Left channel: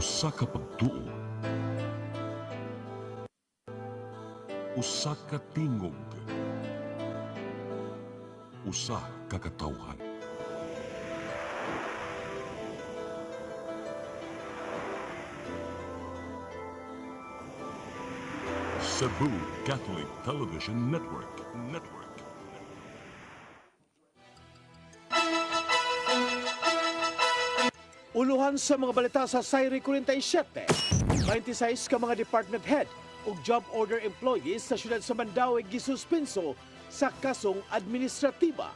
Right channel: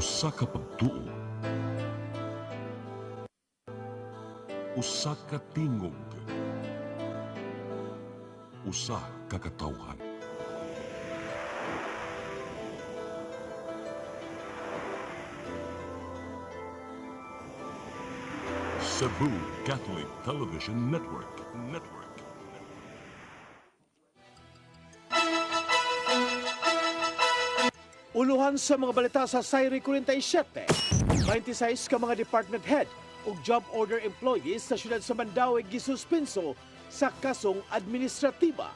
Usa ka pagtuo, usa ka tingog, usa ka katawhan. Cebu Catholic Television Network. Uluhan sa mga balita sa Sayri 47, 26 ka mga department head ug job order employees sa siyudad sa Mandaue gisuspinso sa kasong administratiba.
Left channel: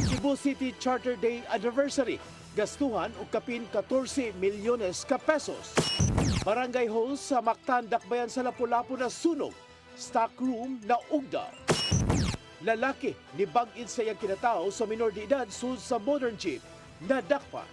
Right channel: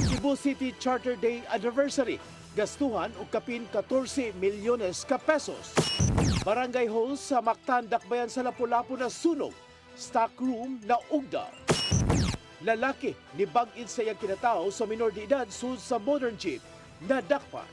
Cebu City Charter Day Anniversary, gastuhan og kapin 14 milyones ka pesos. Barangay hall sa Mactan, Dakbayan sa Lapu-Lapu na sunog, stock room na ugdaw. Lalaki ni bag-in sa iyang kinatao sa minor de edad sulod sa modern jeep na dakpa.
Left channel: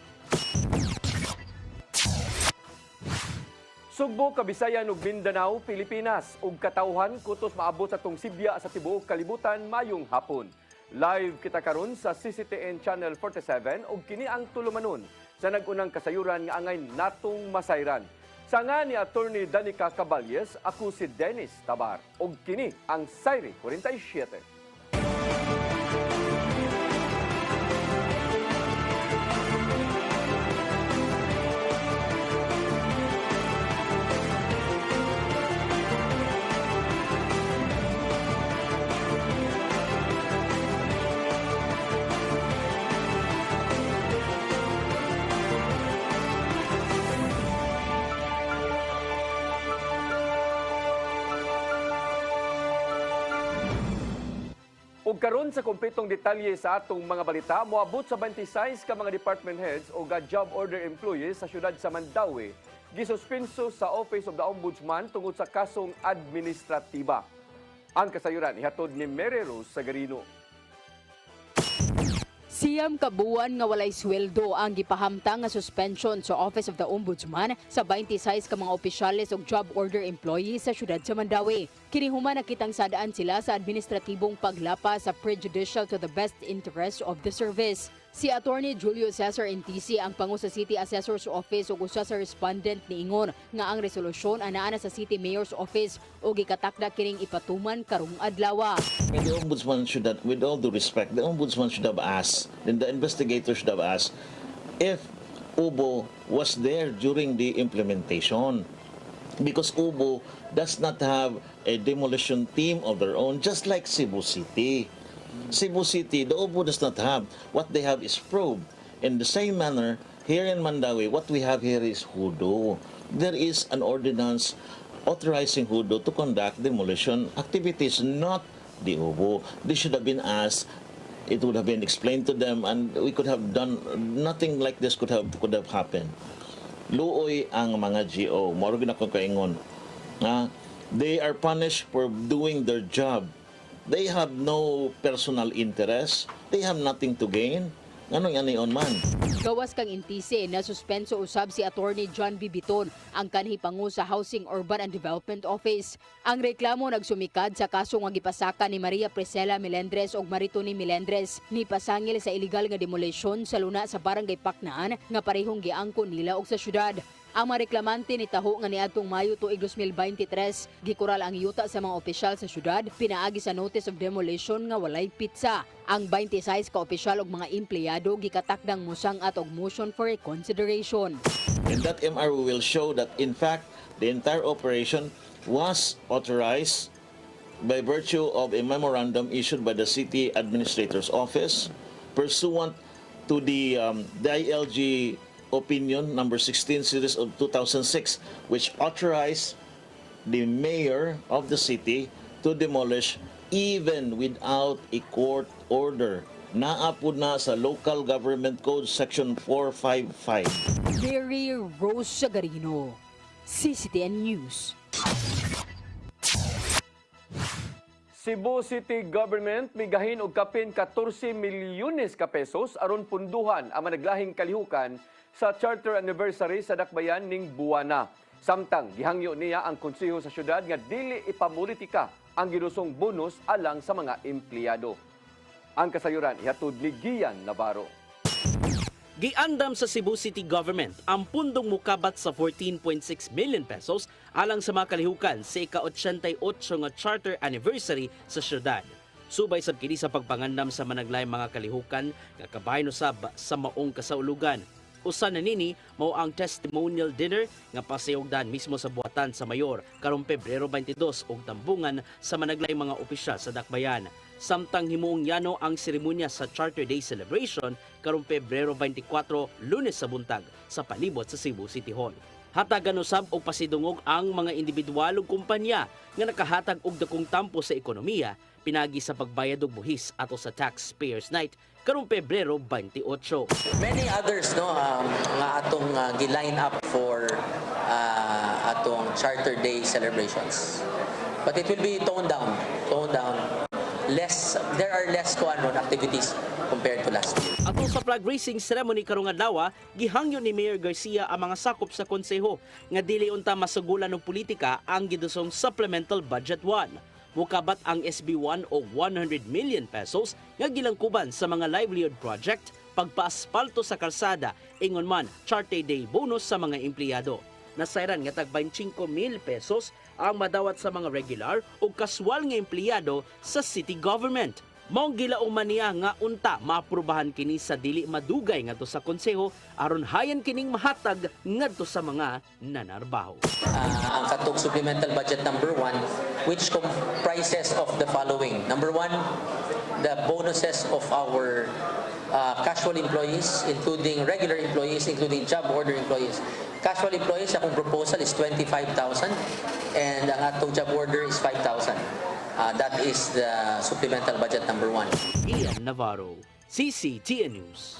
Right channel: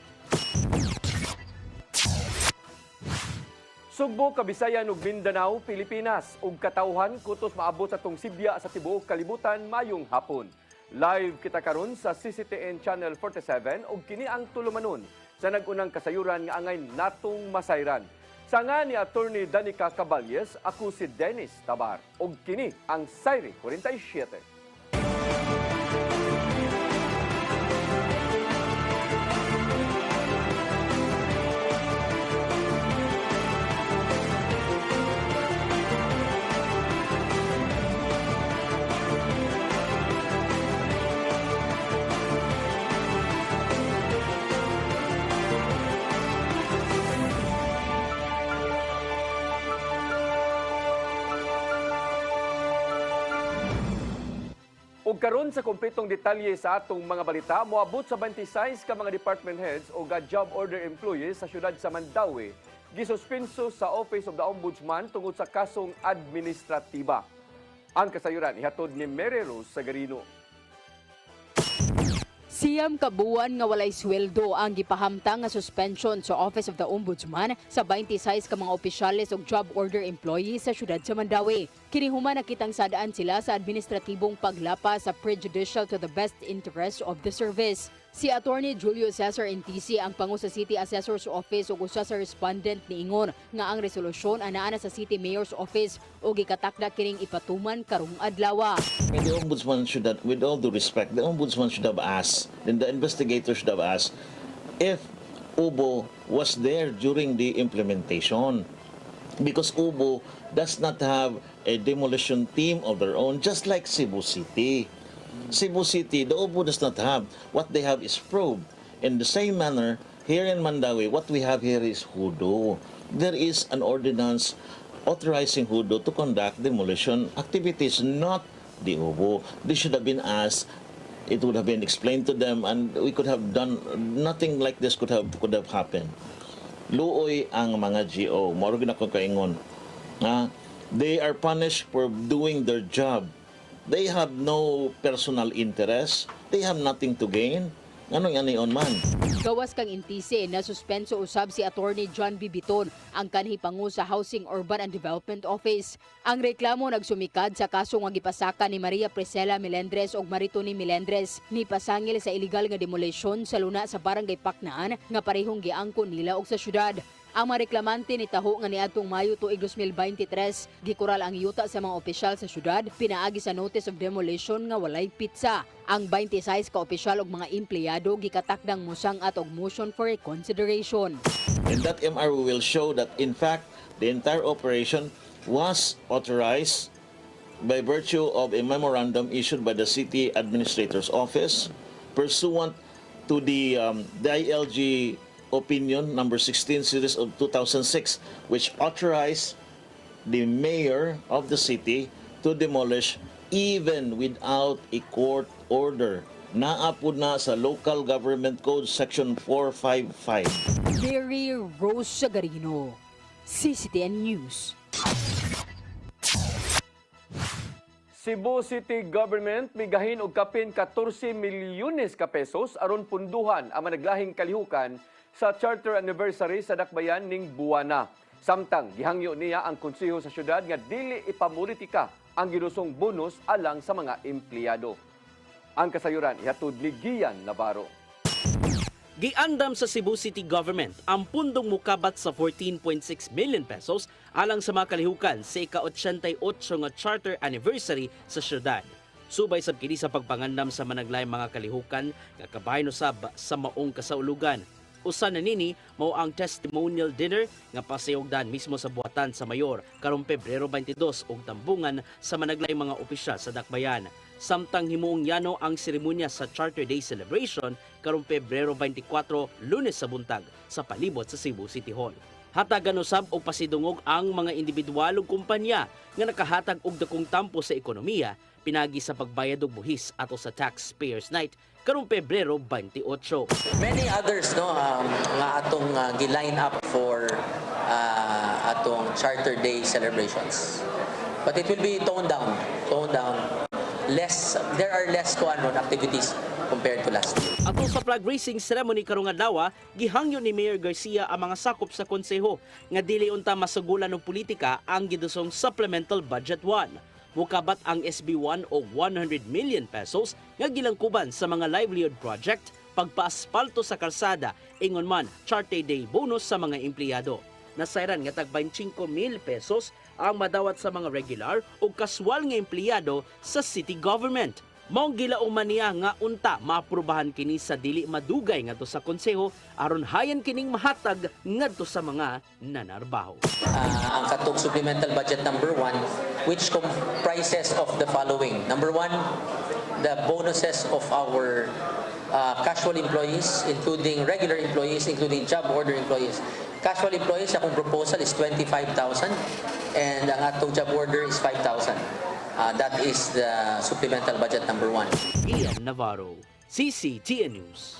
Sugbo, Kabisayan ug Mindanao, Pilipinas ug katawhan kutos maabot sa tong Sibya sa tibuok kalibutan mayong hapon. Live kita karon sa CCTN Channel 47 ug kini ang tulumanon sa nagunang kasayuran nga angay natong masayran. Sanga ni Attorney Danica Caballes, ako si Dennis Tabar ug kini ang Sayri 47. Ug karon sa kumpletong detalye sa atong mga balita, moabot sa 26 ka mga department heads o job order employees sa siyudad sa Mandaue gisuspenso sa Office of the Ombudsman tungod sa kasong administratiba. Ang kasayuran ihatod ni Mary Rose Sagarino. Siyam ka buwan nga walay sweldo ang gipahamtang nga suspension sa Office of the Ombudsman sa 26 ka mga opisyales ug job order employees sa siyudad sa Mandaue. Kini human nakitang sadaan sila sa administratibong paglapas sa prejudicial to the best interest of the service. Si Attorney Julio Cesar NTC ang pangu sa City Assessor's Office ug usa sa respondent niingon nga ang resolusyon anaa na sa City Mayor's Office ug gikatakda kining ipatuman karong adlaw. And the Ombudsman should have, with all due respect, the Ombudsman should have asked, then the investigator should have asked, if UBO was there during the implementation. Because UBO does not have a demolition team of their own, just like Cebu City. Cebu City, the UBO does not have. What they have is probe. In the same manner, here in Mandaue, what we have here is HUDO. There is an ordinance authorizing HUDO to conduct demolition activities, not the UBO. They should have been asked. It would have been explained to them, and we could have done nothing like this could have happened. Luoy ang mga GO. Moro ginako kaingon. They are punished for doing their job. They have no personal interest. They have nothing to gain. Ano yan man? Gawas kang intise na suspenso usab si Attorney John Bibiton ang kanhi pangu sa Housing, Urban and Development Office. Ang reklamo nagsumikad sa kaso nga gipasaka ni Maria Priscilla Melendres ug Maritoni Melendres ni pasangil sa illegal nga demolition sa luna sa Barangay Paknaan nga parehong giangkon nila og sa syudad. Ang mga reklamante ni taho nga niadtong Mayo tuig 2023 gikural ang yuta sa mga opisyal sa syudad pinaagi sa notice of demolition nga walay pitsa. Ang 26 ka opisyal ug mga empleyado gikatakdang mosangat og motion for reconsideration. And that MRO will show that in fact the entire operation was authorized by virtue of a memorandum issued by the City Administrator's Office pursuant to the ILG Opinion number 16 series of 2006, which authorized the mayor of the city to demolish even without a court order. Naapod na sa Local Government Code Section 455. Mary Rose Sagarino, CCTN News. Cebu City Government migahin og kapin 14 milyones ka pesos aron punduhan ang managlahing kalihukan sa Charter Anniversary sa Dakbayan ning Buwana. Samtang gihangyo niya ang konseho sa syudad nga dili ipamulitika ang ginusong bonus alang sa mga empleyado. Ang kasayuran ihatod ni Gian Navarro. Giandam sa Cebu City Government ang pundong mukabat sa 14.6 million pesos alang sa mga kalihukan sa ika-88 nga charter anniversary sa syudad. Subay sab kini sa pagpangandam sa managlay mga kalihukan nga kabahin usab sa maong kasaulugan. Usa na nini mao ang testimonial dinner nga pasayogdan mismo sa buhatan sa mayor karong Pebrero 22 ug tambungan sa managlay mga opisyal sa Dakbayan. Samtang himuong yano ang seremonya sa Charter Day celebration karong Pebrero 24 Lunes sa buntag sa palibot sa Cebu City Hall. Hatagan usab og pasidungog ang mga individual ug kumpanya nga nakahatag og dakong tampo sa ekonomiya pinagi sa pagbayad og buhis ato sa Taxpayers Night karong Pebrero 28. Many others nga atong gi-line up for atong Charter Day celebrations. But it will be toned down. There are less activities compared to last year. Ato sa flag raising ceremony karong adlaw, gihangyo ni Mayor Garcia ang mga sakop sa konseho nga dili unta masugulan og politika ang gidusong Supplemental Budget 1. Mukabat ang SB1 og 100 million pesos nga gilangkuban sa mga livelihood project, pagpaaspalto sa kalsada, ingon man Charter Day bonus sa mga empleyado. Nasayran nga tag 25,000 pesos ang madawat sa mga regular o kaswal nga empleyado sa city government. Maong gilaong man niya nga unta maaprubahan kini sa dili madugay ngadto sa konseho aron hayan kining mahatag ngadto sa mga nanarbaho. Ang katong supplemental budget number 1, which comprises of the following. Number 1, the bonuses of our casual employees, including regular employees, including job order employees. Casual employees, akong proposal is 25,000 and ang atong job order is 5,000. That is the supplemental budget number 1. Ian Navarro, CCTN News.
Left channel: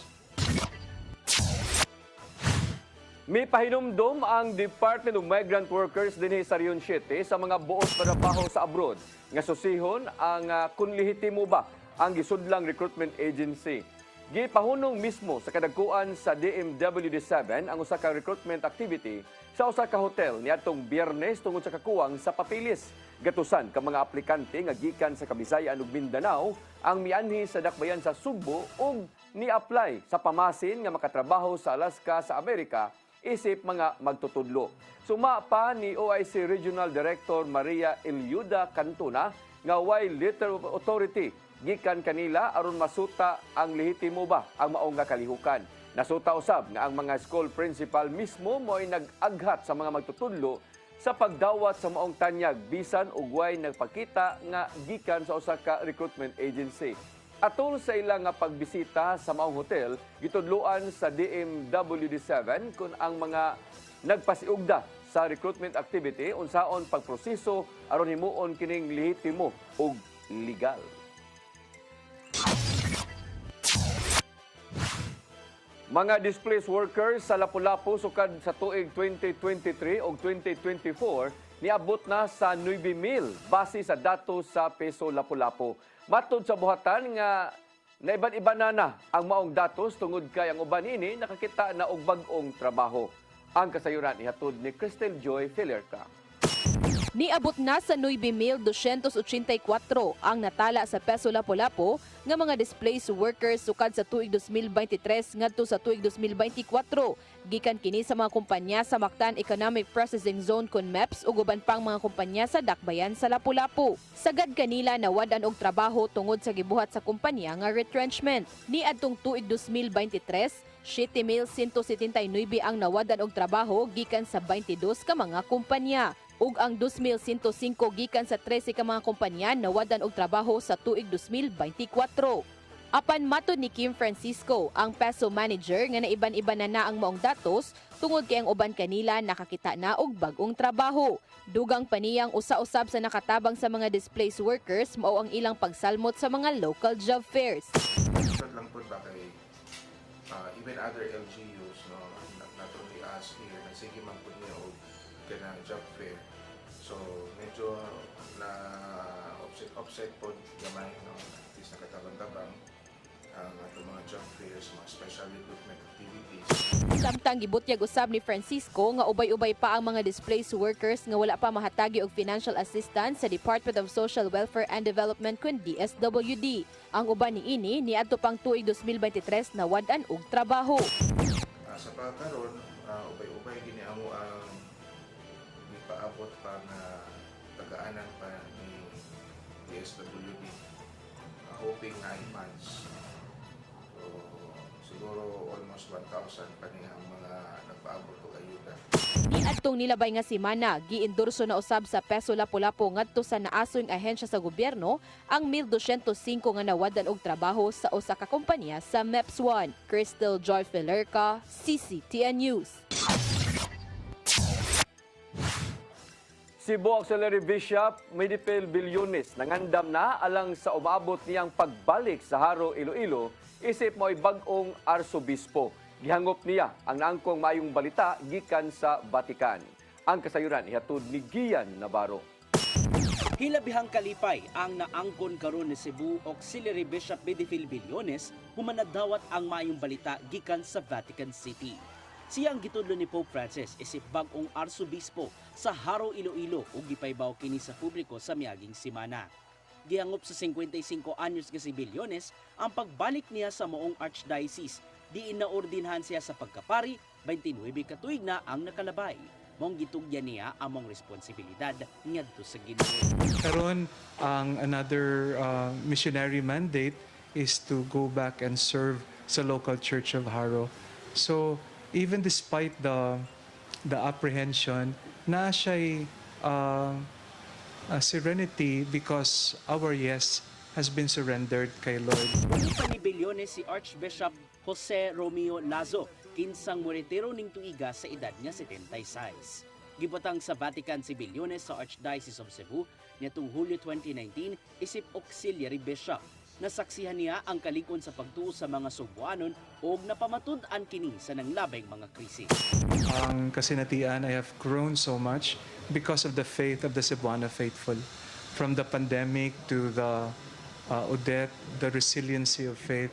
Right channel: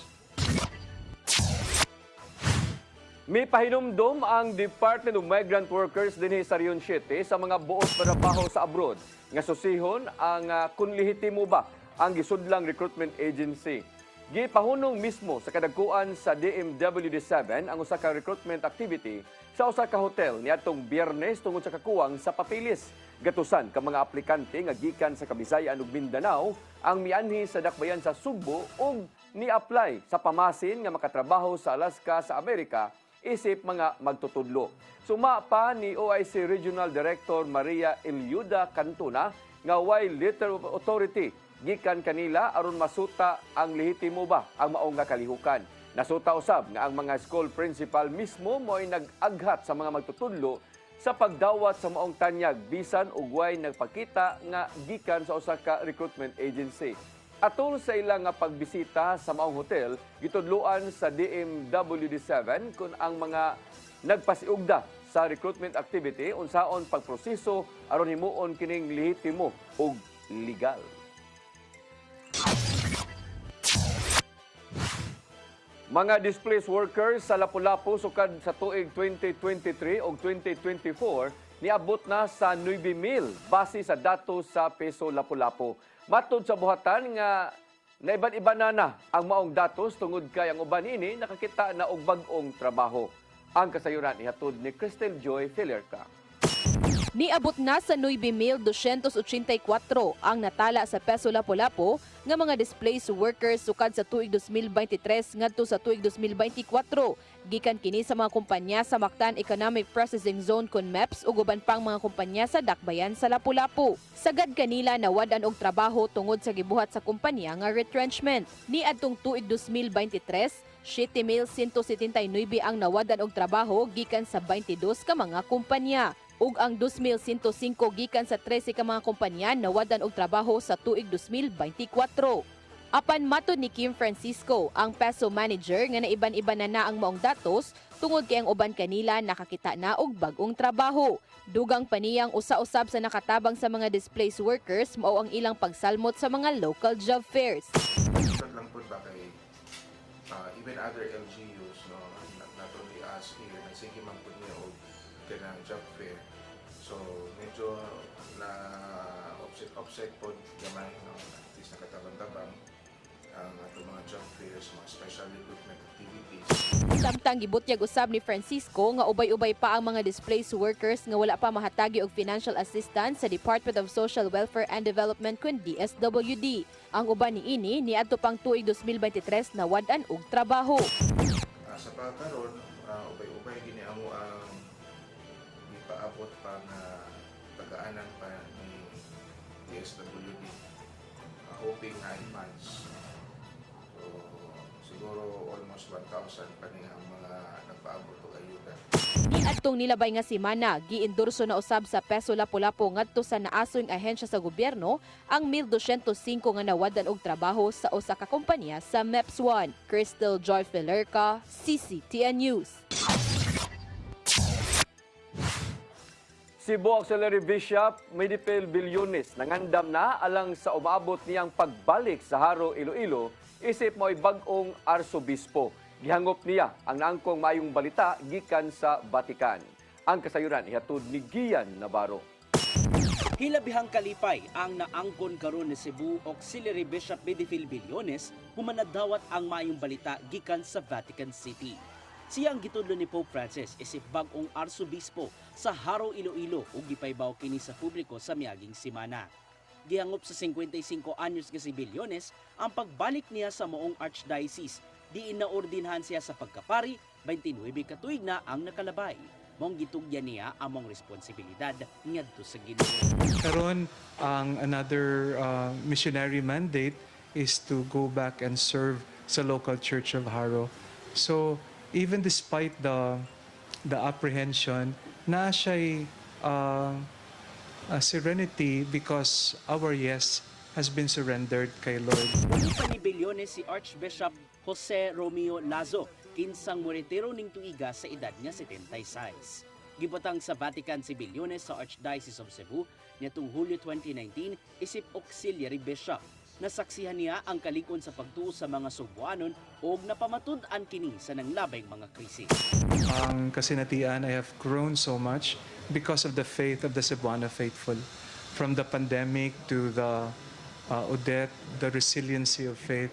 May pahinumdom ang Department of Migrant Workers dinhi sa Region 7 sa mga buot na trabaho sa abroad nga susihon ang kung lehitimo ba ang gisudlang recruitment agency. Gipahunong mismo sa kadagkuan sa DMWD7 ang usa ka recruitment activity sa usa ka hotel niadtong Biyernes tungod sa kakuwang sa papilis. Gatusan ka mga aplikante nga gikan sa Kabisayan ug Mindanao ang mianhi sa dakbayan sa Sugbo ug ni-apply sa pamasin nga makatrabaho sa Alaska sa Amerika isip mga magtutudlo. Suma pa ni OIC Regional Director Maria Eliuda Cantona nga way letter of authority gikan kanila aron masuta ang lehitimo ba ang maong nga kalihukan. Nasuta usab nga ang mga school principal mismo mo'y nag-aghat sa mga magtutudlo sa pagdawat sa maong tanyag bisan ug way nagpakita nga gikan sa usa ka recruitment agency. Atol sa ilang nga pagbisita sa maong hotel, gitudloan sa DMWD7 kung ang mga nagpasiugda sa recruitment activity unsaon pagproseso aron himuon kining lehitimo ug legal. Mga displaced workers sa Lapu-Lapu sukad sa tuig 2023 o 2024 niabot na sa 9,000 base sa datos sa Peso Lapu-Lapu. Matod sa buhatan nga naiban-iba na ang maong datos tungod kay ang uban ini nakakita na og bag-ong trabaho. Ang kasayuran ihatod ni Cristel Joy Filerca. Niabot na sa 9,284 ang natala sa Peso Lapu-Lapu nga mga displaced workers sukad sa tuig 2023 ngadto sa tuig 2024. Gikan kini sa mga kumpanya sa Mactan Economic Processing Zone kun MEPS ug uban pang mga kumpanya sa Dakbayan sa Lapu-Lapu. Sagad kanila nawadan og trabaho tungod sa gibuhat sa kumpanya nga retrenchment. Niadtong tuig 2023, 7,179 ang nawadan og trabaho gikan sa 22 ka mga kumpanya. Ug ang 2,105 gikan sa 13 ka mga kumpanya nawadan og trabaho sa tuig 2024. Apan matod ni Kim Francisco, ang Peso manager nga naiban-iba na ang maong datos tungod kay ang uban kanila nakakita na og bag-ong trabaho. Dugang paniyang usa-usab sa nakatabang sa mga displaced workers mao ang ilang pagsalmot sa mga local job fairs. Lang po ba kay even other LGUs no not only us here nagsige man po niya og kanang job fair. So medyo na offset po gamay no at least nakatabang-tabang ang ato mga job fairs no, special recruitment activities. Samtang gibutyag usab ni Francisco nga ubay-ubay pa ang mga displaced workers nga wala pa mahatagi og financial assistance sa Department of Social Welfare and Development kun DSWD. Ang uban niini niadto pang tuig 2023 nawadan og trabaho. Sa pagkaroon, ubay-ubay gini amo ang ipaabot pa nga tagaanan pa ni DSWD. Hoping 9 months. So, siguro almost 1,000 pa niya ang mga nagpaabot o ayuda. Niadtong nilabay nga semana, giendorso na usab sa Peso Lapu-Lapu ngadto sa naasoy nga ahensya sa gobyerno ang 1,205 nga nawadan og trabaho sa usa ka kompanya sa MEPS1. Crystal Joy Felerca, CCTN News. Cebu Auxiliary Bishop Medipel Bilyones nangandam na alang sa umabot niyang pagbalik sa Haro, Iloilo isip mo'y bag-ong arsobispo. Gihangop niya ang naangkong maayong balita gikan sa Vatican. Ang kasayuran ihatod ni Gian Navarro. Hilabihang kalipay ang naangkon karon ni Cebu Auxiliary Bishop Medipel Bilyones humanadawat ang maayong balita gikan sa Vatican City. Siya ang gitudlo ni Pope Francis isip bag-ong arsobispo sa Haro, Iloilo ug gipaybaw kini sa publiko sa miaging semana. Gihangop sa 55 anyos nga si Bilyones ang pagbalik niya sa moong archdiocese. Diin naordinhan siya sa pagkapari, 29 ka tuig na ang nakalabay. Mong gitugyan niya among responsibilidad ngadto sa Ginoo. Karon ang another missionary mandate is to go back and serve sa local church of Haro. So even despite the apprehension, na siya'y serenity because our yes has been surrendered kay Lord. Pumita ni Bilyones si Archbishop Jose Romeo Lazo, kinsang moretero ning tuiga sa edad niya 76. Gibutang sa Vatican si Bilyones sa Archdiocese of Cebu niadtong Hulyo 2019 isip auxiliary bishop. Nasaksihan niya ang kalikon sa pagtuo sa mga Cebuanon o napamatud-an kini sa nanglabay mga krisis. Ang kasinatian, I have grown so much because of the faith of the Cebuano faithful. From the pandemic to the Odette, the resiliency of faith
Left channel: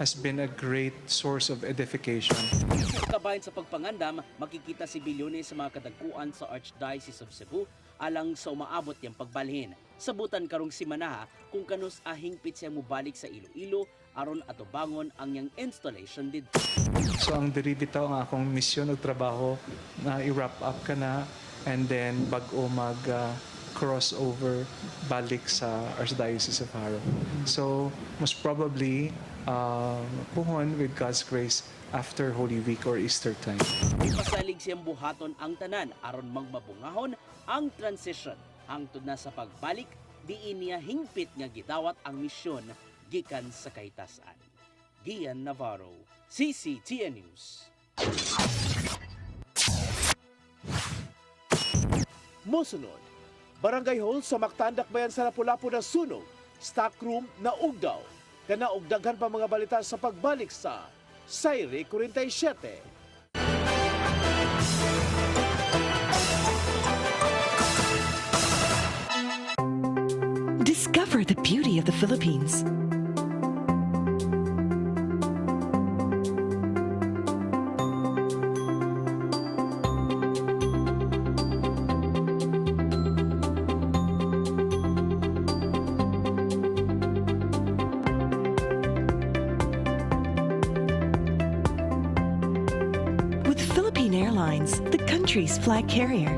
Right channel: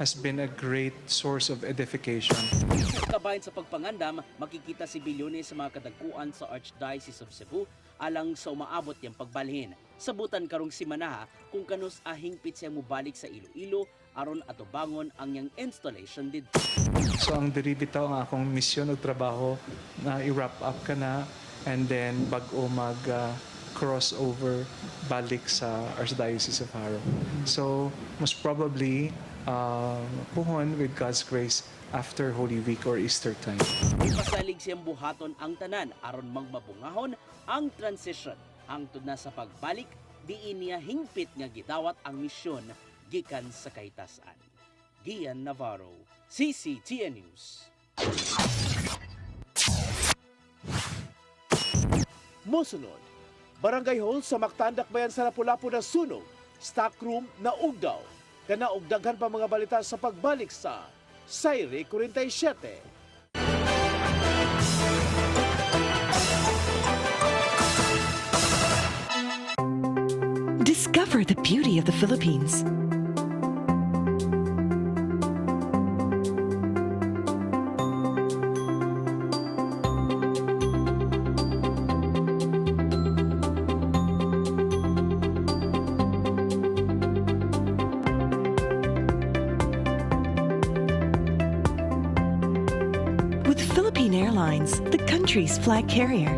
has been a great source of edification. Kabayan sa pagpangandam, makikita si Bilyones sa mga kadagkuan sa Archdiocese of Cebu alang sa umaabot niyang pagbalhin. Sabutan karong simana kung kanus ahingpit siya mubalik sa Iloilo aron atubangon ang yang installation dito. So ang diri bitaw ang akong misyon ug trabaho na i-wrap up ka na and then bag-o mag crossover balik sa Archdiocese of Haro. So most probably puhon with God's grace after Holy Week or Easter time. Ipasalig siyang buhaton ang tanan aron magmabungahon ang transition hangtod na sa pagbalik diin niya hingpit nga gidawat ang misyon gikan sa kahitasan. Gian Navarro, CCTN News. Mosunod, Barangay Hall sa Mactandak Bayan sa Lapu-Lapu na sunog, stockroom na ugdaw. Kana og daghan pa mga balita sa pagbalik sa Sayre 47. Discover the beauty of the Philippines. With Philippine Airlines, the country's flag carrier.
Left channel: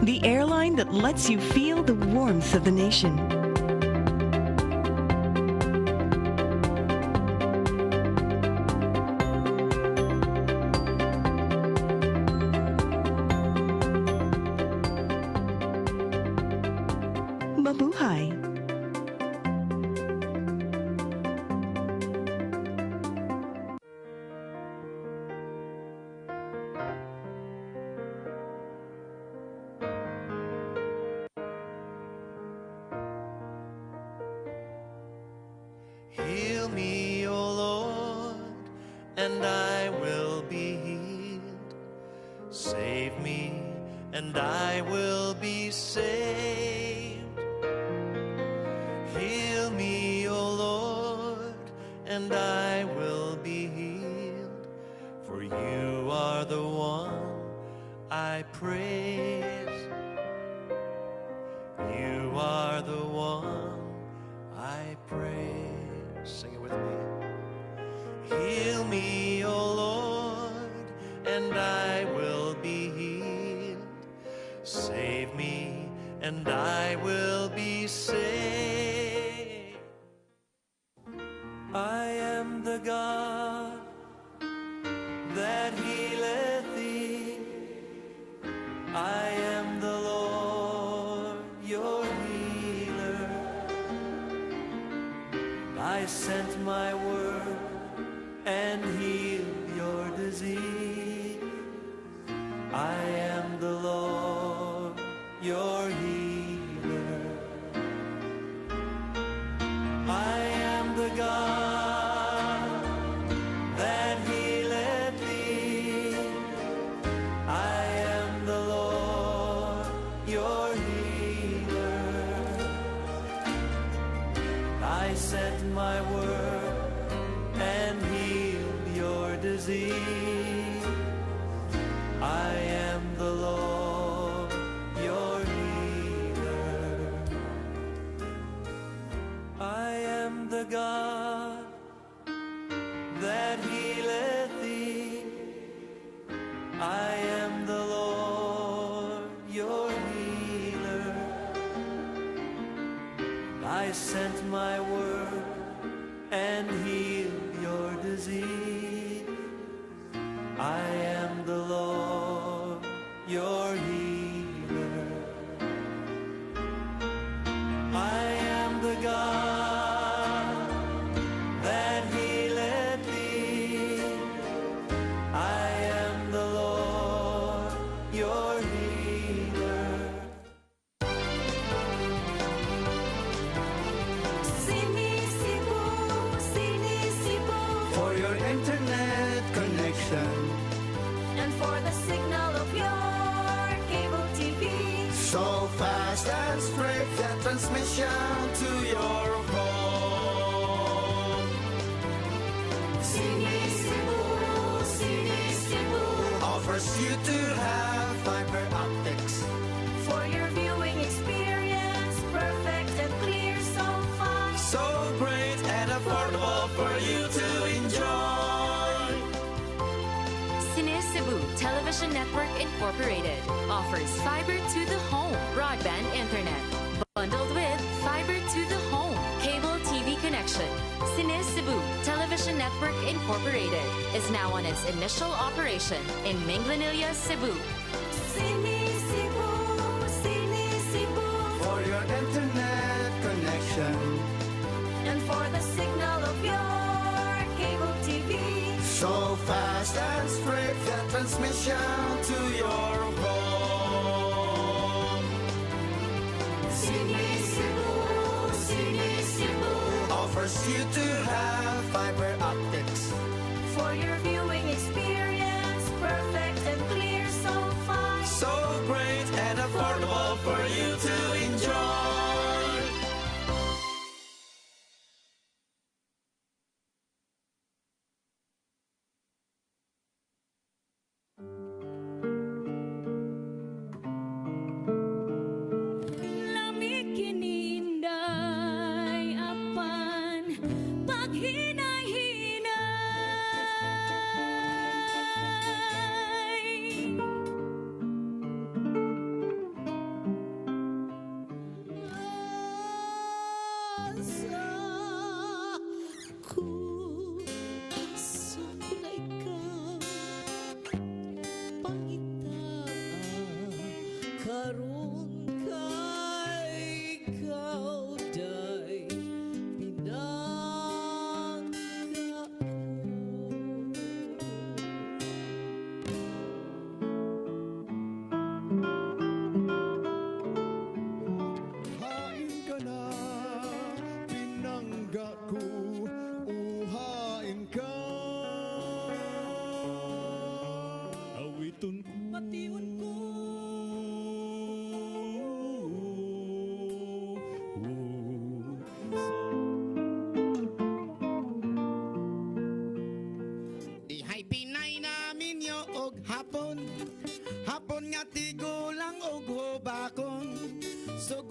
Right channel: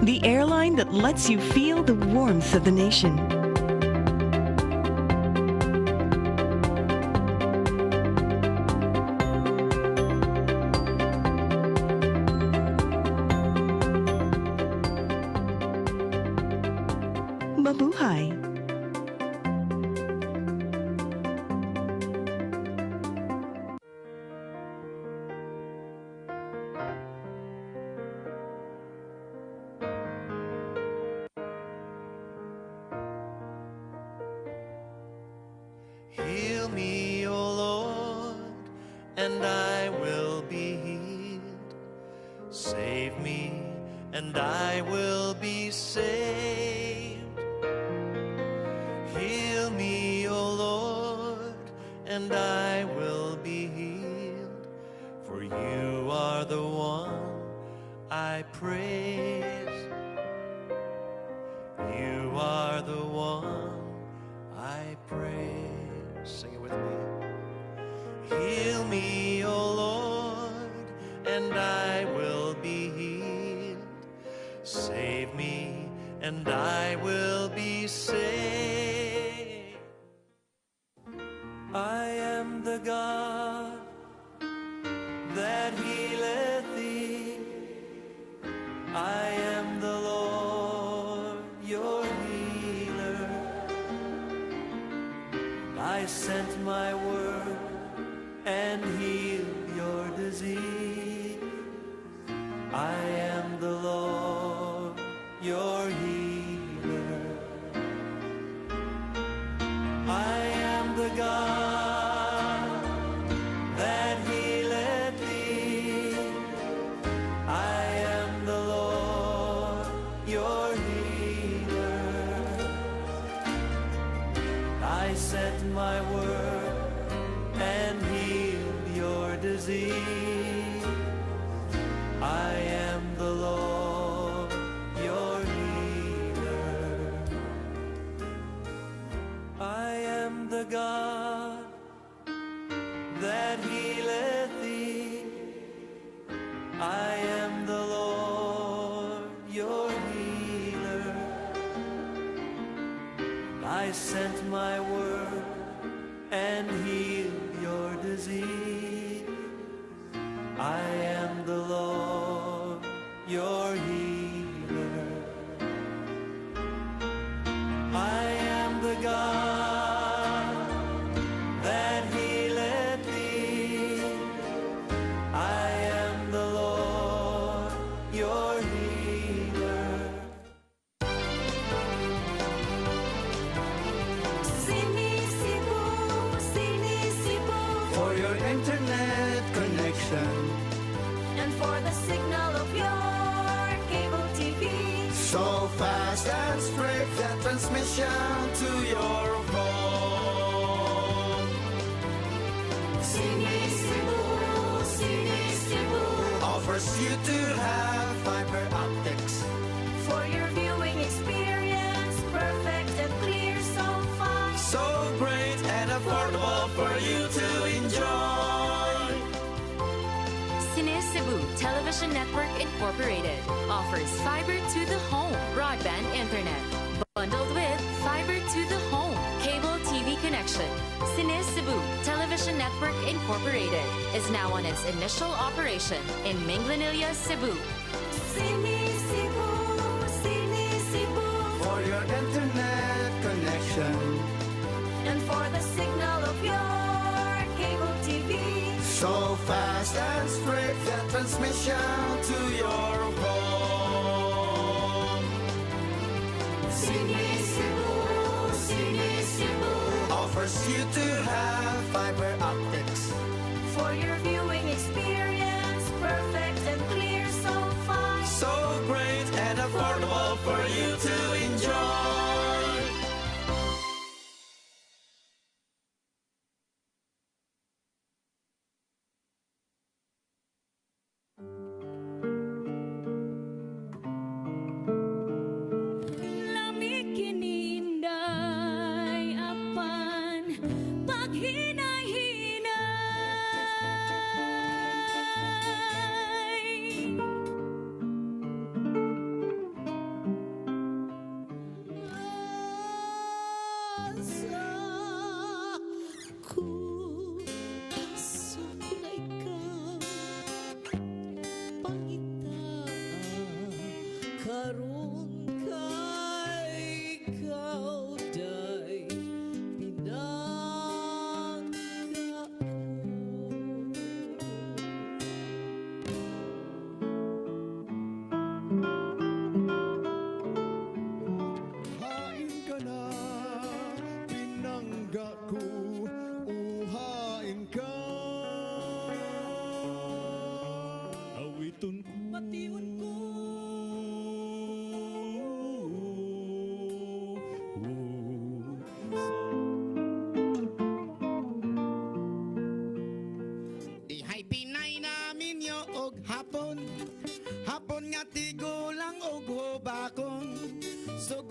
The airline that lets you feel the warmth of the nation. Mabuhay. Heal me, O Lord, and I will be healed. Save me, and I will be saved. and I will be healed. For you are the one I praise. You are the one I praise. Sing it with me. Heal me, O Lord, and I will be healed. Save me, and I will be saved. I am the God that healeth thee. I am the Lord, your healer. I sent my word and healed your disease. I am the Lord, your healer. I am the God that healeth thee. I am the Lord, your healer. I sent my word and healed your disease. I am the Lord, your healer. I am the God that healeth thee. I am the Lord, your healer. I sent my word and healed your disease. I am the Lord, your healer. I am the God that healeth thee. I am the Lord, your healer. For your internet connection, And for the signal of your cable TV. So fast and swift that transmission to your home. Sini Cebu Offers you to have fiber optics. for your viewing experience, perfect and clear so far. So great and affordable for you to enjoy. Cine Cebu Television Network Incorporated offers fiber to the home broadband internet bundled with fiber to the home cable TV connection. Cine Cebu Television Network Incorporated is now on its initial operation in Minglanilla, Cebu. Sini Cebu for your internet connection, and for the signal of your cable TV. So fast and swift that transmission to your home. Sini Cebu Offers you to have fiber optics. for your viewing experience, perfect and clear so far. So great and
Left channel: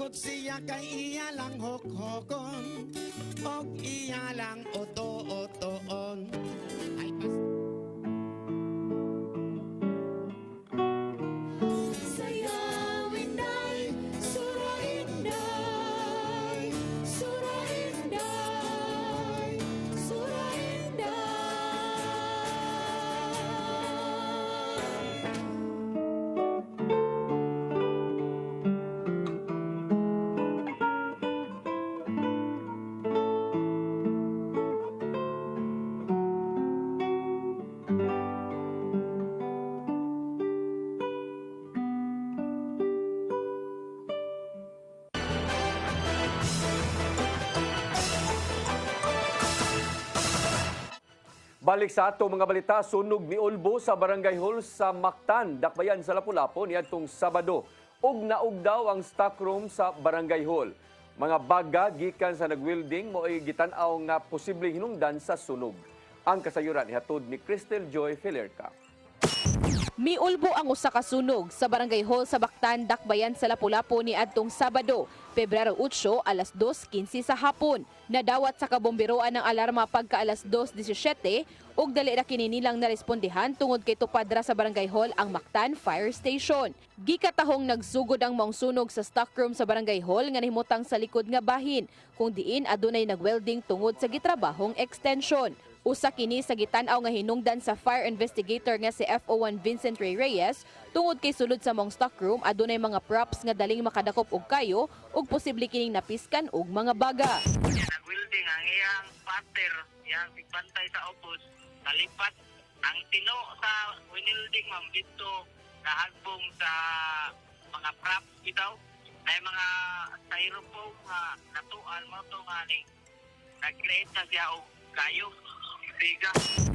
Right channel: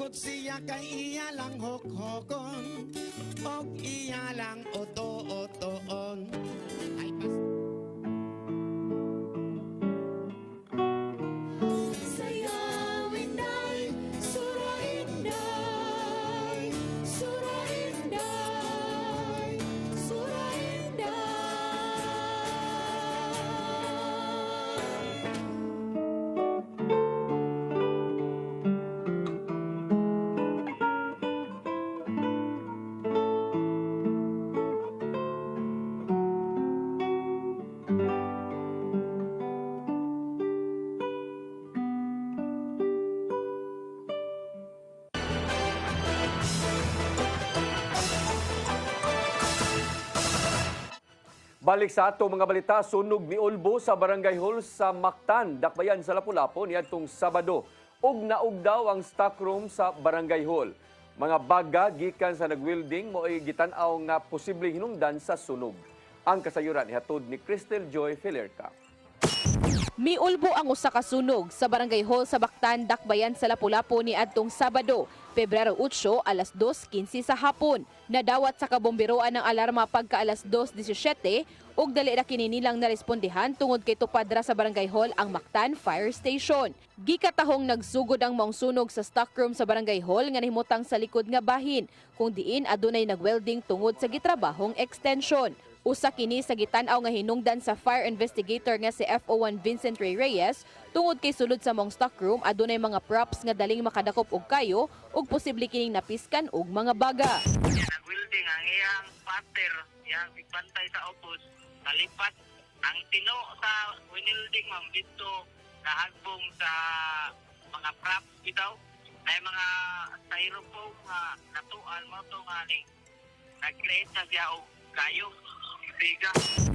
Og siya kay iya lang hokhokon, og iya lang oto-otoon. Ay, Sayawin ay surahin day, surahin day, surahin Balik sa ato mga balita, sunog ni Ulbo sa Barangay Hall sa Mactan, Dakbayan sa Lapu-Lapu niadtong Sabado. Ug naug daw ang stockroom sa Barangay Hall. Mga baga gikan sa nagwelding mo ay gitanaw nga posibleng hinungdan sa sunog. Ang kasayuran ihatod ni Cristel Joy Felerca. Miulbo ang usa ka sunog sa Barangay Hall sa Bactan, Dakbayan sa Lapu-Lapu ni adtong Sabado, Pebrero 8, alas 2:15 sa hapon. Nadawat sa kabomberoan ng alarma pagka alas 2:17 ug dali ra kini nilang narespondihan tungod kay tupad ra sa Barangay Hall ang Mactan Fire Station. Gikatahong nagsugod ang maong sunog sa stockroom sa Barangay Hall nga nahimutang sa likod nga bahin, kung diin adunay nagwelding tungod sa gitrabahong extension. Usa kini sa gitanaw nga hinungdan sa fire investigator nga si FO1 Vincent Ray Reyes tungod kay sulod sa mong stockroom adunay mga props nga daling makadakop og kayo ug posible kining napiskan og mga baga. Nag-welding ang iyang pater, yang bantay sa opos, nalipat ang tino sa winilding ma'am dito nahagbong sa mga props bitaw. Ay mga styrofoam nga natuan mo to nga ni nag-create na siya og kayo.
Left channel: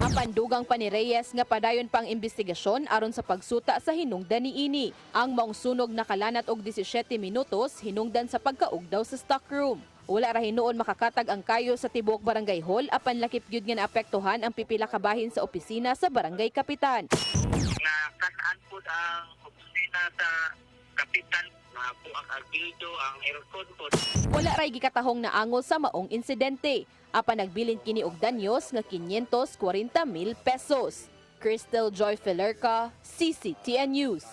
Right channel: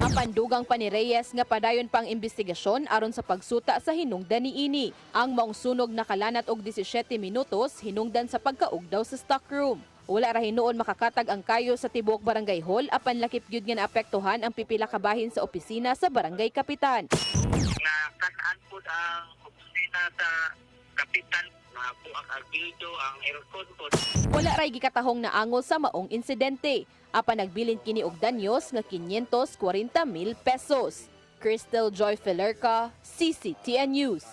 Apan dugang pa ni Reyes nga padayon pang investigasyon aron sa pagsuta sa hinungdan niini. Ang maong sunog nakalanat og 17 minutos hinungdan sa pagkaugdaw sa stockroom. Wala ra hinuon makakatag ang kayo sa tibuok Barangay Hall apan lakip gyud nga naapektuhan ang pipila ka bahin sa opisina sa Barangay Kapitan. Na kan-an pud ang opisina sa kapitan na po ang albildo, ang aircon po. Wala ray gikatahong naangol sa maong insidente. Apan nagbilin kini og danyos nga 540,000 pesos. Cristel Joy Felerca, CCTN News.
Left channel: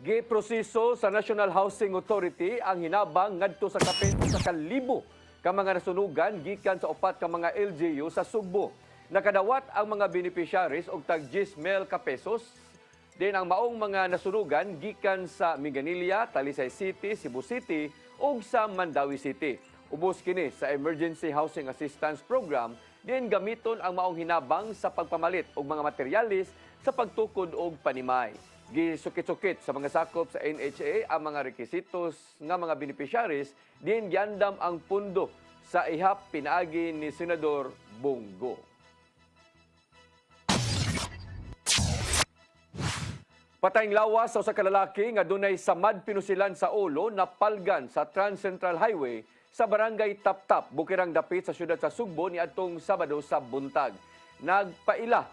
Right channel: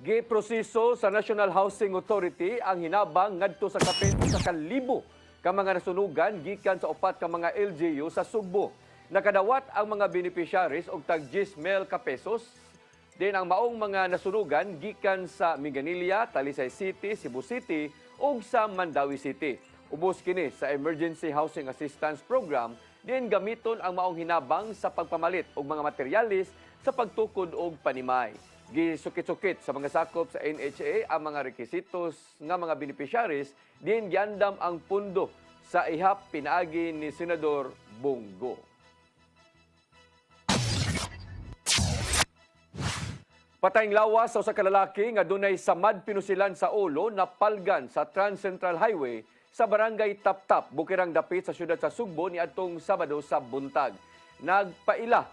Giproseso sa National Housing Authority ang hinabang ngadto sa kapin sa 1,000 ka mga nasunugan gikan sa upat ka mga LGU sa Sugbo. Nakadawat ang mga beneficiaries og tag 10,000 ka pesos. Din ang maong mga nasunugan gikan sa Minganilla, Talisay City, Cebu City ug sa Mandawi City. Ubos kini sa Emergency Housing Assistance Program din gamiton ang maong hinabang sa pagpamalit og mga materialis sa pagtukod og panimay. Gisukit-sukit sa mga sakop sa NHA ang mga requisitos nga mga beneficiaries din giandam ang pundo sa ihap pinaagi ni Senador Bongo. Patayng lawas sa usa ka lalaki nga dunay samad pinusilan sa ulo na palgan sa Trans Central Highway sa Barangay Taptap, Bukirang Dapit sa siyudad sa Sugbo niadtong Sabado sa buntag. Nagpaila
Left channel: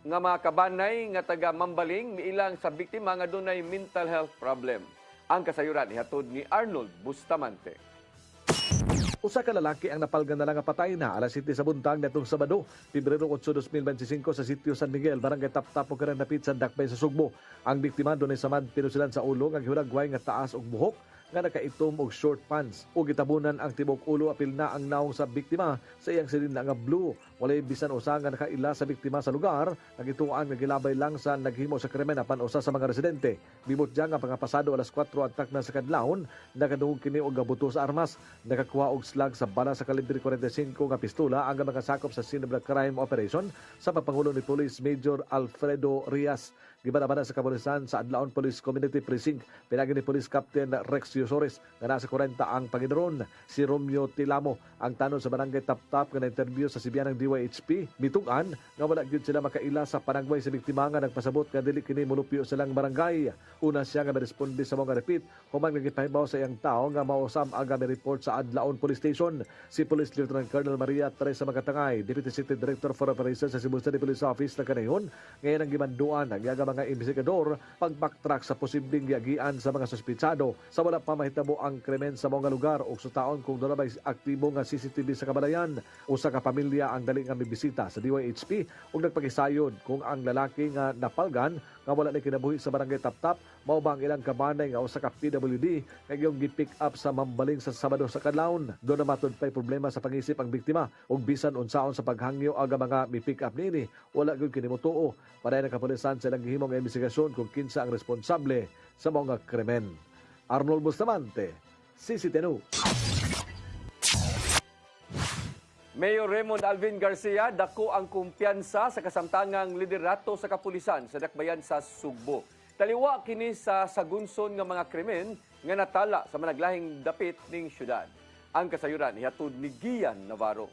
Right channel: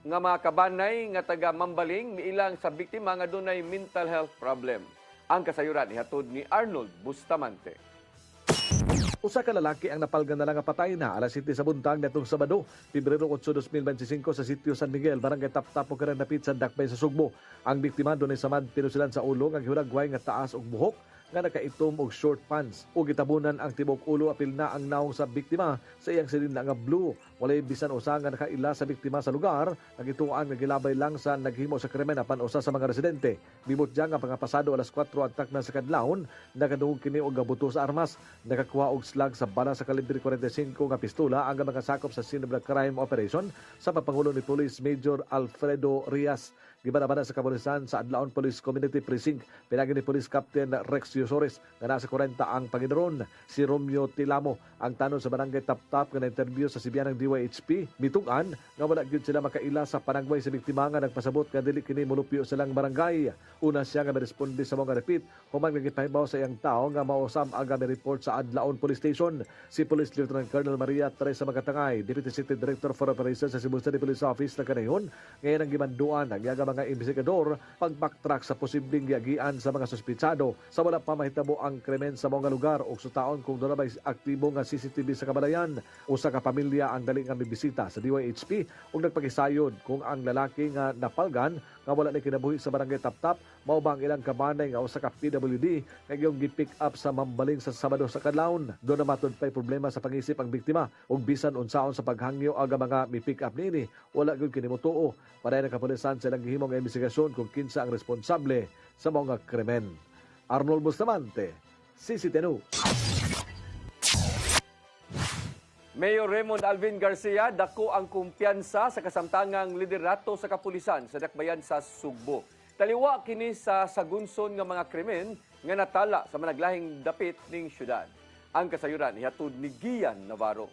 nga mga kabanay nga taga Mambaling miilang sa biktima nga dunay mental health problem. Ang kasayuran ihatod ni Arnold Bustamante. Usa ka lalaki ang napalgan na lang nga patay na alas 7 sa buntag nitong Sabado, Pebrero 8, 2025 sa sitio San Miguel, Barangay Taptap, Bukirang Dapit sa Dakbay sa Sugbo. Ang biktima dunay samad pinusilan sa ulo nga gihulagway nga taas og buhok nga nakaitom og short pants o gitabunan ang tibok ulo apil na ang naong sa biktima sa iyang silindang nga blue. Walay bisan usa nga nakaila sa biktima sa lugar, ang ituan nga gilabay lang sa naghimo sa krimen apan usa sa mga residente. Bimot diya nga pangapasado alas 4 antak na sa kadlawon, nakadungog kini og gabuto sa armas, nakakuha og slag sa bala sa kalibre 45 nga pistola ang mga sakop sa Sinabla Crime Operation sa papangulo ni Police Major Alfredo Rias. Gibana-bana sa kapulisan sa Adlaon Police Community Precinct, pinagi ni Police Captain Rex Yusores nga nasa 40 ang Panginoon. Si Romeo Tilamo ang tanong sa Barangay Taptap nga na-interview sa Sibianang DYHP. Mitugan nga wala gyud sila makaila sa panagway sa biktima nga nagpasabot nga dili kini molupyo silang barangay. Una siya nga responde sa mga repeat humang nagipahibaw sa iyang tao nga mausam ang report sa Adlaon Police Station. Si Police Lieutenant Colonel Maria Teresa Magatangay, Deputy City Director for Operations sa Cebu City Police Office na kanayon, ngayon ang gimanduan ang yaga mga investigador pag-backtrack sa posibleng giagian sa mga suspitsado sa wala pa mahitabo ang krimen sa mga lugar o sutaon kung doon na may aktibo nga CCTV sa kabalayan. Usa ka pamilya ang dali nga mibisita sa DYHP ug nagpakisayon kung ang lalaki nga napalgan nga wala na kinabuhi sa barangay Taptap mao ba ang ilang kabanay nga usa ka PWD nga giyong gi-pick up sa mambaling sa Sabado sa Kadlawon. Doon na matud pay problema sa pangisip ang biktima ug bisan unsaon sa paghangyo aga mga mi-pick up nini wala gyud kini motuo. Paday na kapulisan silang gihimong investigasyon kung kinsa ang responsable sa mga krimen. Arnold Bustamante, CCTV News. Mayor Raymond Alvin Garcia dako ang kumpiyansa sa kasamtangang liderato sa kapulisan sa dakbayan sa Sugbo. Taliwa kini sa sagunson nga mga krimen nga natala sa managlahing dapit ning syudad. Ang kasayuran ihatod ni Gian Navarro.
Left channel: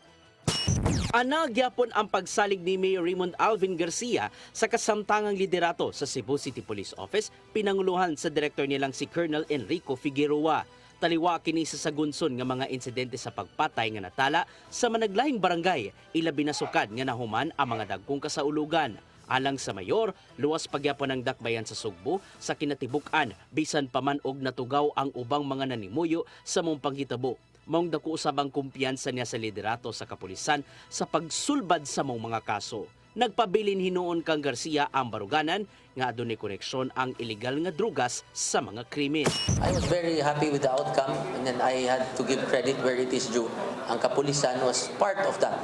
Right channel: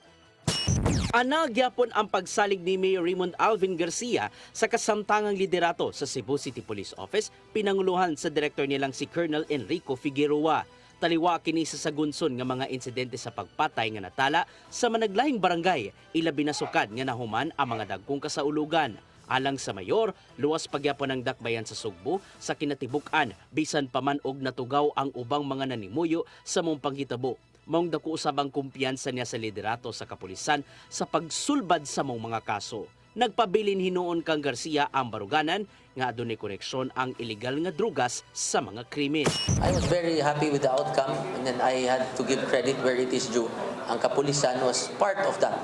Ana gyapon ang pagsalig ni Mayor Raymond Alvin Garcia sa kasamtangang liderato sa Cebu City Police Office pinanguluhan sa direktor nilang si Colonel Enrico Figueroa. Taliwa kini sa sagunson nga mga insidente sa pagpatay nga natala sa managlahing barangay, ilabi na sukad nga nahuman ang mga dagkong kasaulugan. Alang sa mayor, luwas pagyapon ang dakbayan sa Sugbo sa kinatibuk-an bisan pa man og natugaw ang ubang mga nanimuyo sa mong panghitabo. Maong dako usab ang kumpiyansa niya sa liderato sa kapulisan sa pagsulbad sa mong mga kaso. Nagpabilin hinuon kang Garcia ang baruganan nga adunay koneksyon ang illegal nga drugas sa mga krimen. I was very happy with the outcome, and then I had to give credit where it is due. Ang kapulisan was part of that,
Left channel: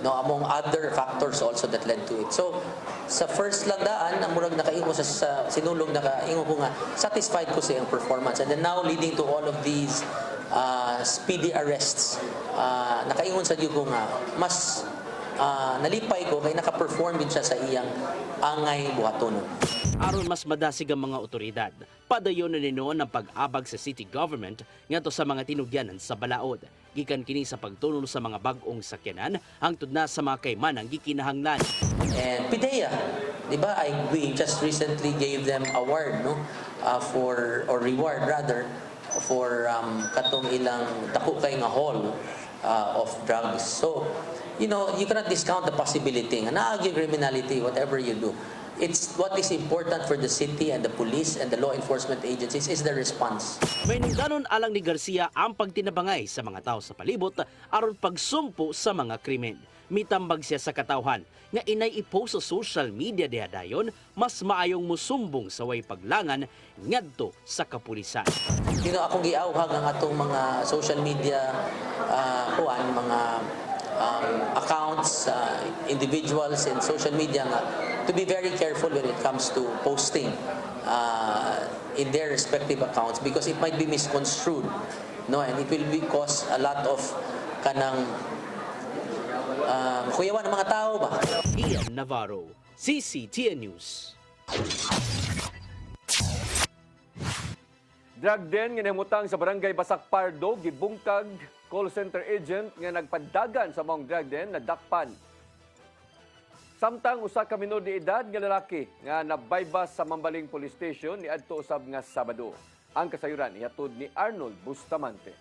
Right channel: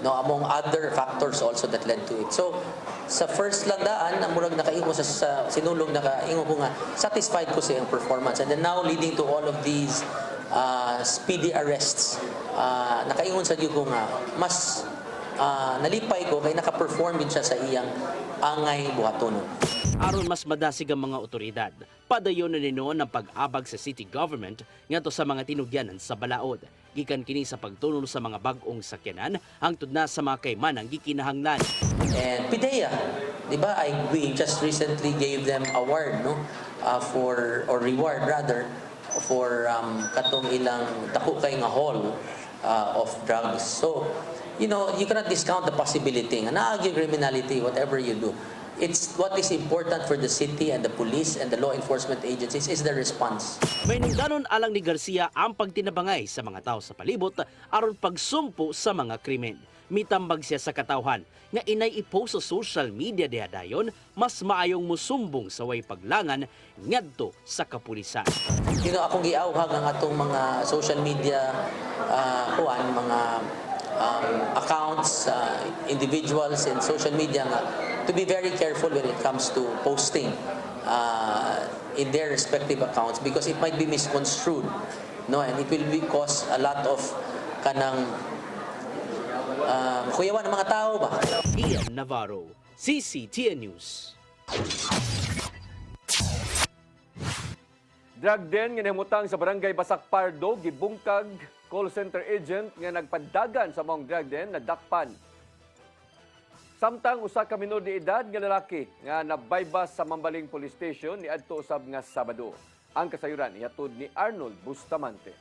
no, among other factors also that led to it. So sa first landaan, ang murag nakaingo sa sinulong nakaingo ko nga satisfied ko sa iyang performance, and then now leading to all of these speedy arrests, nakaingon sa diyo ko nga mas nalipay ko kay naka-perform din siya sa iyang angay buhaton. Aron mas madasig ang mga otoridad, padayon na ninoon ang pag-abag sa city government ngadto sa mga tinugyanan sa balaod. Gikan kini sa pagtunol sa mga bag-ong sakyanan hangtod na sa mga kaymanang gikinahanglan. And PIDEA, di ba? We just recently gave them award, no, or reward rather, for katong ilang dako kay nga haul of drugs. So, you know, you cannot discount the possibility nga naagi criminality, whatever you do. It's what is important for the city and the police and the law enforcement agencies is the response. May nungdanon alang ni Garcia ang pagtinabangay sa mga tao sa palibot aron pagsumpo sa mga krimen. Mitambag siya sa katawhan nga inay i-post sa social media dihadayon mas maayong musumbong sa way paglangan ngadto sa kapulisan. You know, akong giawhag ang atong mga social media mga accounts, individuals in social media nga to be very careful when it comes to posting in their respective accounts because it might be misconstrued, no, and it will cause a lot of kanang kuyawan ng mga tao ba. Ian Navarro, CCTN News. Drug den nga nahimutang sa barangay Basak Pardo gibungkag call center agent nga nagpadagan sa mong drug den nadakpan. Samtang usa ka minor de edad nga lalaki nga nabaybas sa Mambaling Police Station niadto usab nga Sabado. Ang kasayuran ihatod ni Arnold Bustamante.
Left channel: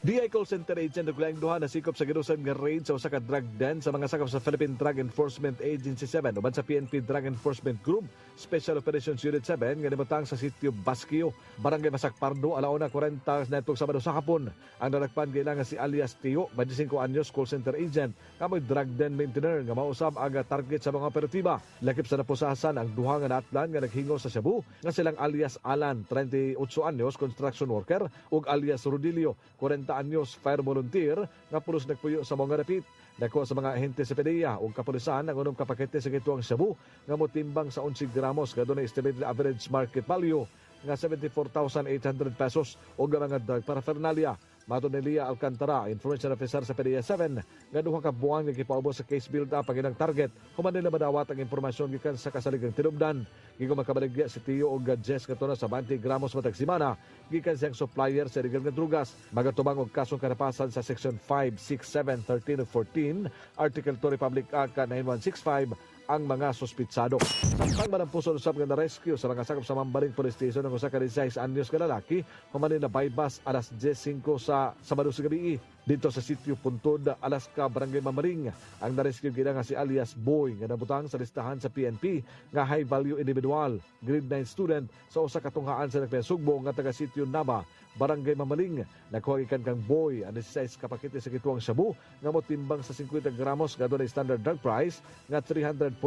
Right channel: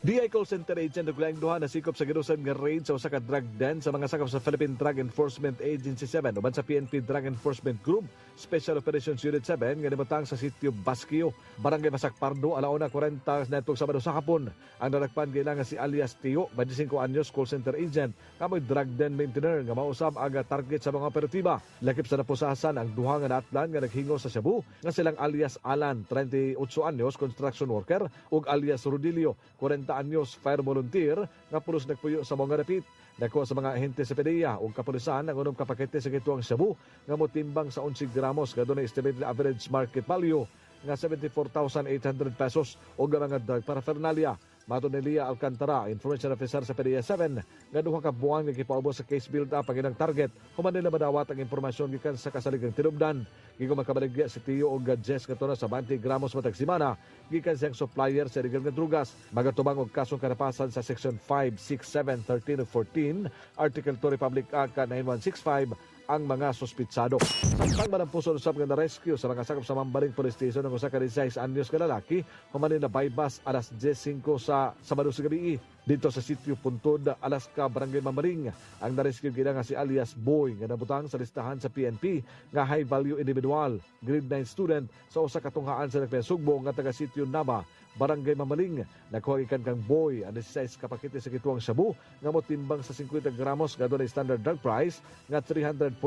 DI call center agent ug laing duha na sikop sa gidusan nga raid sa usa ka drug den sa mga sakop sa Philippine Drug Enforcement Agency 7 uban sa PNP Drug Enforcement Group Special Operations Unit 7 nga nibutang sa sitio Basquio, Barangay Basak Pardo, alauna 40 netong Sabado sa hapon. Ang nadakpan kailangan si alias Tio, 25 anyos, call center agent, kamoy drug den maintainer nga mausab ang target sa mga operatiba. Lakip sa napusasan ang duha nga naatlan nga naghingo sa Cebu nga silang alias Alan, 38 anyos, construction worker, ug alias Rodilio, 40 anyos, fire volunteer, nga pulos nagpuyo sa mga rapit. Dako sa mga ahente sa PDEA ug kapulisan ang unong kapakete sa gituang Cebu nga motimbang sa 11 gramos nga dunay estimated average market value nga 74,800 pesos ug mga drug paraphernalia. Matod ni Lia Alcantara, information officer sa PDEA 7, nga duha ka buwan nga gipaubos sa case build-up ang ilang target. Human nila madawat ang impormasyon gikan sa kasaligang tinubdan. Gigo makabaligya si Tio og Jess katuna sa 20 gramos matag semana gikan siyang supplier sa illegal nga drugas. Magatubang og kasong karapasan sa Section 5, 6, 7, 13 ug 14, Article 2 Republic Act 9165 ang mga suspitsado. Samtang manampuson usab nga na-rescue sa mga sakop sa Mambaling Police Station ng usa ka 16 anyos nga lalaki human na baybas alas 10:05 sa Sabado sa gabi. Dito sa sitio Puntod, Alaska, Barangay Mamaring, ang narescue gina nga si alias Boy nga nabutang sa listahan sa PNP nga high value individual, grade 9 student sa usa ka tunghaan sa nagpasugbo nga taga sitio Naba, Barangay Mamaling. Nakuha ikan kang Boy ang 16 ka pakete sa kituang shabu nga motimbang sa 50 gramos nga doon ay standard drug price nga 340,000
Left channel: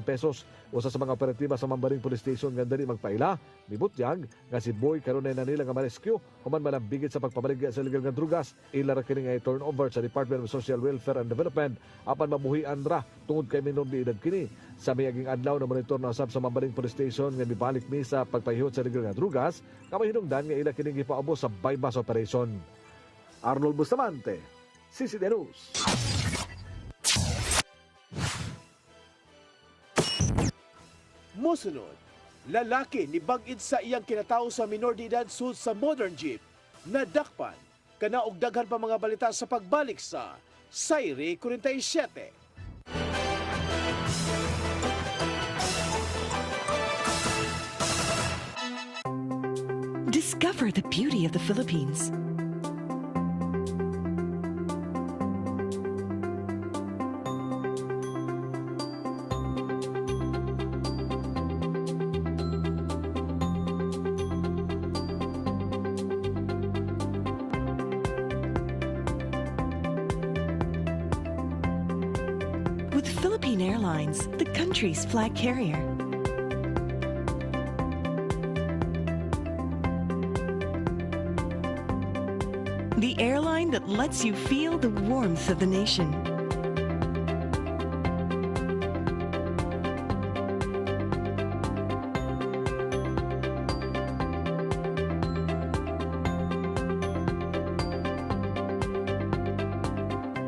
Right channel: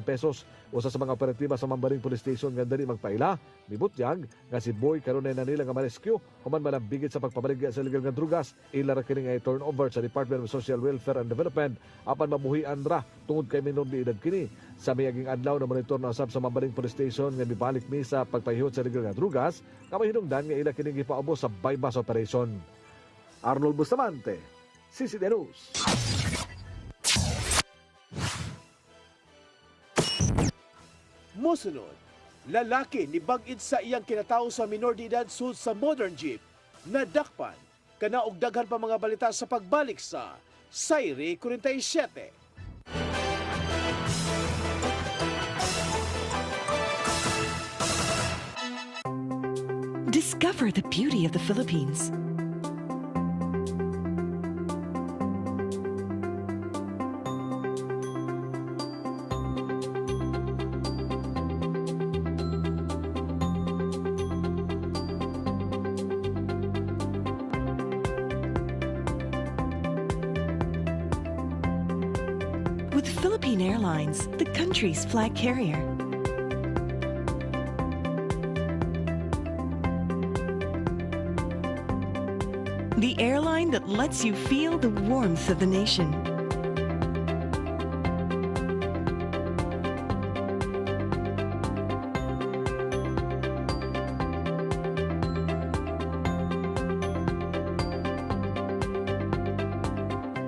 pesos. Usa sa mga operatiba sa Mambaling Police Station nga dali magpaila, mibutyag nga si Boy karon ay nanila nga ma-rescue human malambigit sa pagpabaligya sa illegal nga drugas. Ila ra kini nga turnover sa Department of Social Welfare and Development apan mabuhian ra tungod kay minor de edad kini. Sa miyaging adlaw na monitor na usab sa Mambaling Police Station nga mibalik ni sa pagpahiyot sa illegal nga drugas, kamay hinungdan nga ila kini gipaubos sa bypass operation. Arnold Bustamante, CCTV News. Mosunod, lalaki ni bangid sa iyang kinatao sa minor de edad sud sa modern jeep. Nadakpan, kanaog daghan pa mga balita sa pagbalik sa Sayri 47. Discover the beauty of the Philippines. With Philippine Airlines, the country's flag carrier. The airline that lets you feel the warmth of the nation.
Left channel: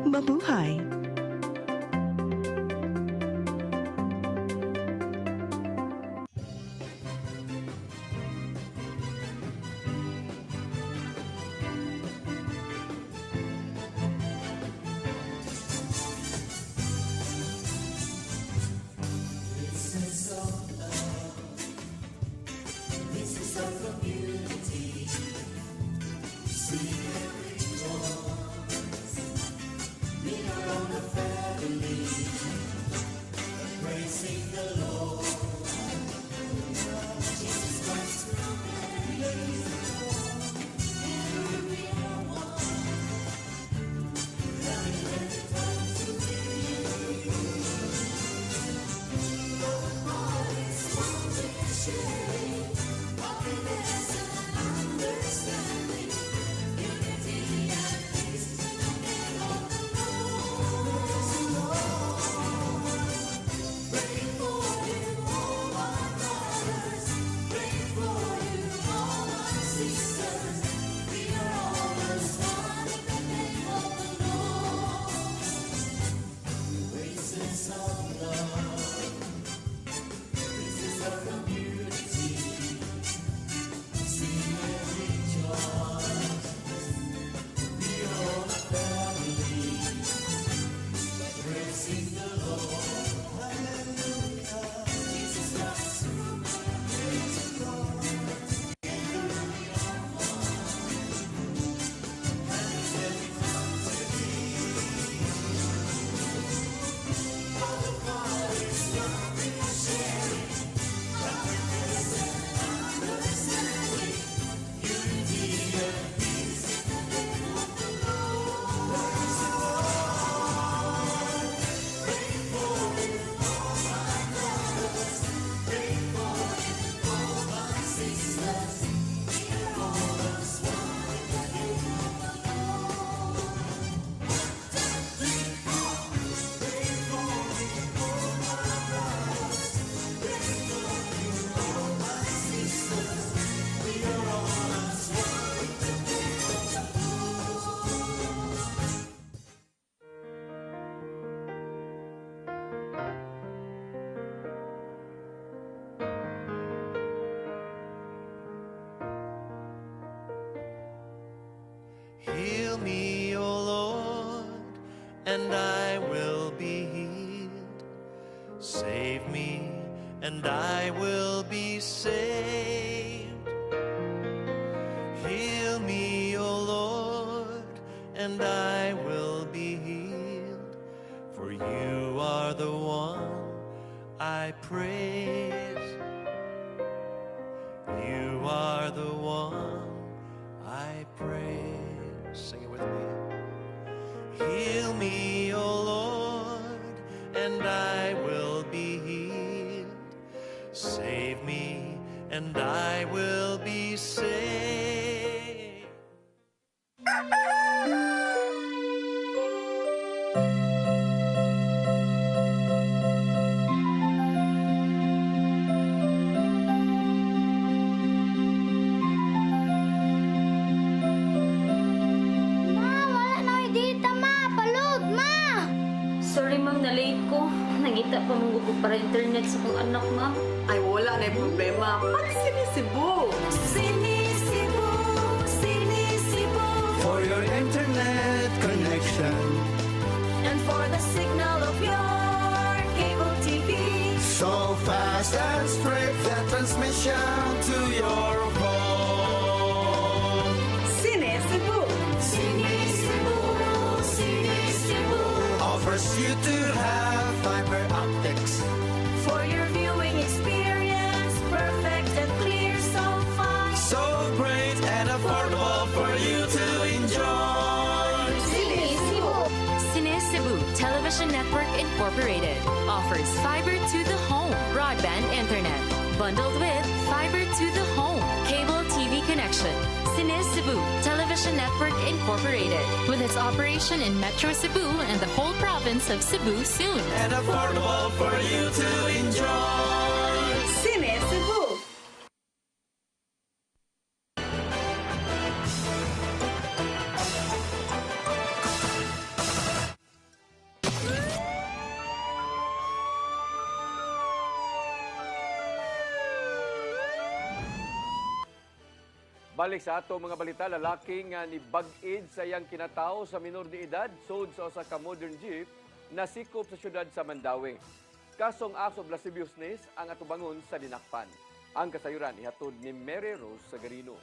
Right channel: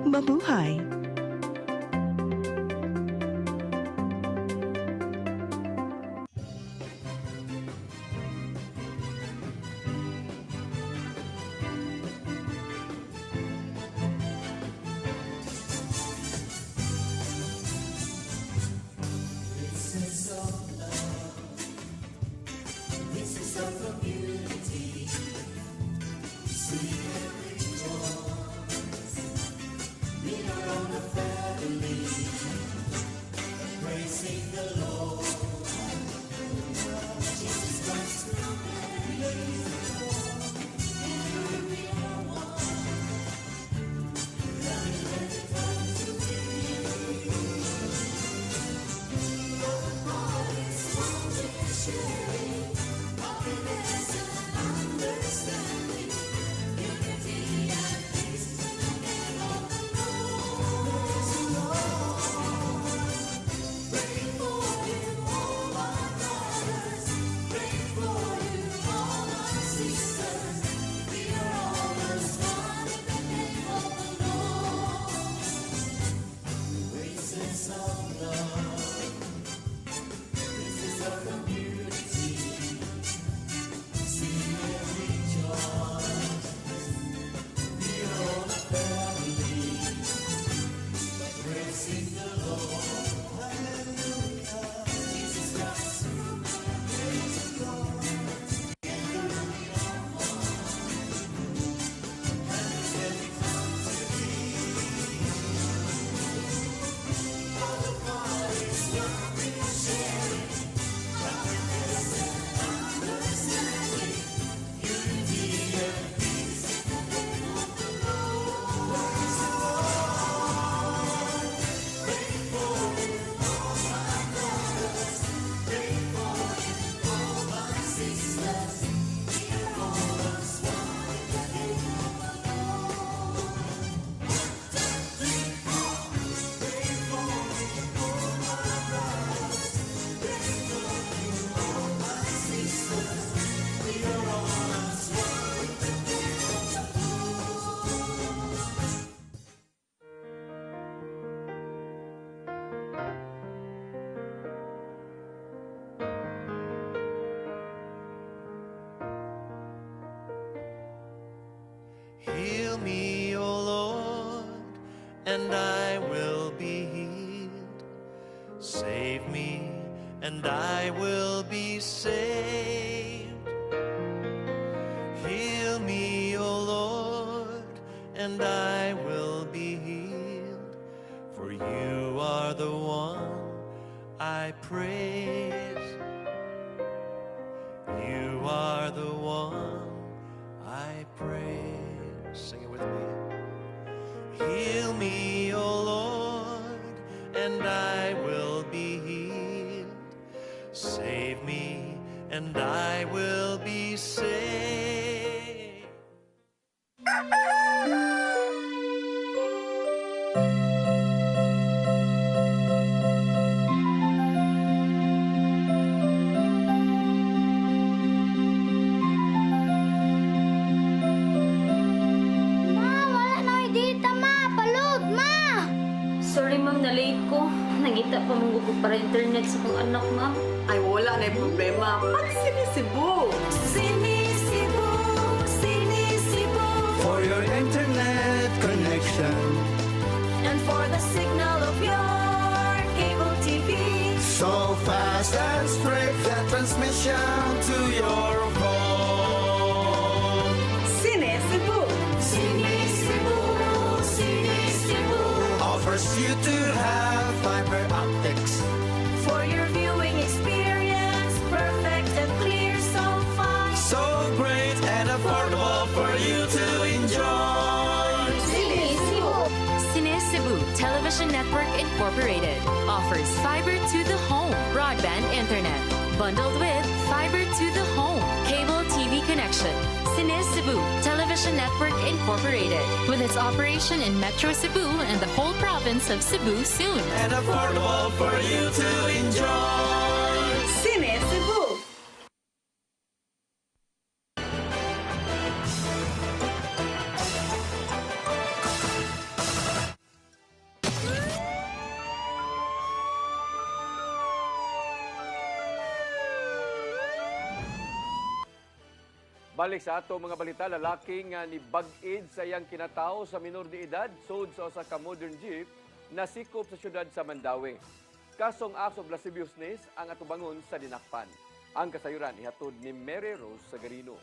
Mabuhay. Heal me, O Lord, and I will be healed. Save me, and I will be saved. Heal me, O Lord, and I you are the one I pray. Sing it with me. Heal me, O Lord, and I will be healed. Save me, and I will be saved. Sorry ma'am, na-late ko. Nangita pa mong gugod para internet sa kong anak ma'am. Ay wala na problema. Pag sinisibo. Sinisibo, sinisibo. For your internet connection, And for the signal of your cable TV. so fast and straight that transmission to your home. Sinisibo, sinisibo, sinisibo. Offers you to have fiber optics. For your viewing experience, perfect and clear, so fine. So great and affordable for you to enjoy. Sinisibo. Cine Cebu Television Network Incorporated offers fiber to the home broadband internet bundled with fiber to the home cable TV connection. Cine Cebu Television Network Incorporated with its operation in Metro Cebu and the whole province of Cebu soon. And affordable for you to enjoy. Sinisibo. Balik sa ato mga balita, lalaki nga ni bag-id sa iyang kinatao sa minor de edad sud sa usa ka modern jeep nasikop sa syudad sa Mandawi. Kasong aso of lasciviousness ang atubangon sa dinakpan. Ang kasayuran ihatod ni Mary Rose Sagarino.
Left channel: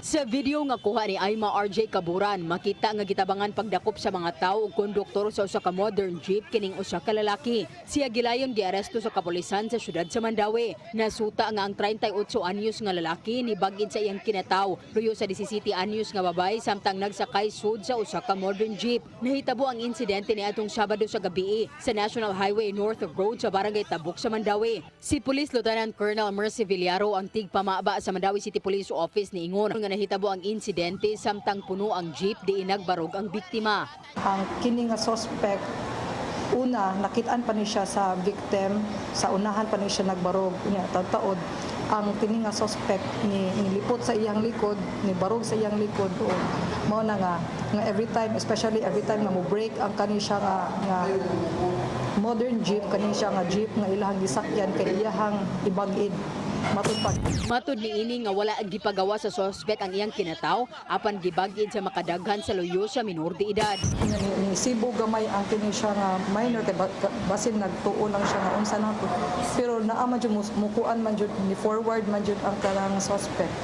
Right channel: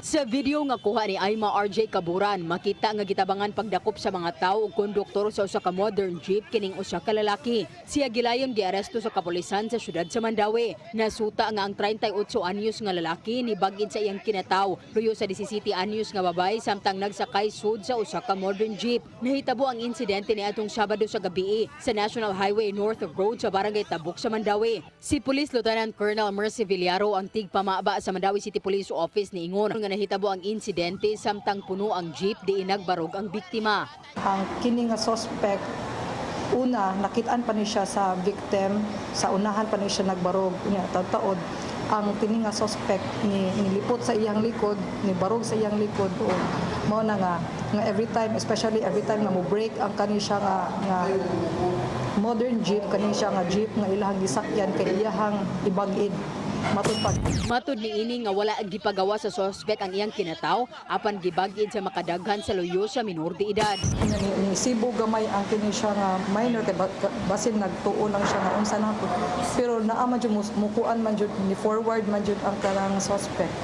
Sa video nga kuha ni Aima RJ Kaburan, makita nga gitabangan pagdakop sa mga tao ug konduktor sa usa ka modern jeep kining usa ka lalaki. Siya gilayon giaresto sa kapulisan sa syudad sa Mandawi. Nasuta nga ang 38 anyos nga lalaki ni bagid sa iyang kinataw, luyo sa 17 anyos nga babae samtang nagsakay sud sa usa ka modern jeep. Nahitabo ang insidente ni atong Sabado sa gabi sa National Highway North Road sa Barangay Tabuk sa Mandawi. Si Police Lieutenant Colonel Mercy Villaro ang tigpamaba sa Mandawi City Police Office ni Ingon nga nahitabo ang insidente samtang puno ang jeep di nagbarog ang biktima. Ang kini nga suspect, una nakitaan pa ni siya sa victim, sa unahan pa ni siya nagbarog niya taod. Ang kini nga suspect ni nilipot sa iyang likod, ni barog sa iyang likod o mao na nga every time, especially every time na mo break ang kani siya nga modern jeep, kani siya nga jeep nga ilahang gisakyan kay iyahang ibag-id matupad. Matud ni ini nga wala gipagawa sa suspect ang iyang kinataw apan gibag-id sa makadaghan sa luyo sa minor de edad. Ni Cebu gamay ang kini siya nga minor kay basin nagtuo lang siya nga unsa na po. Pero naa man jud mukuan man jud ni forward man jud ang kanang suspect.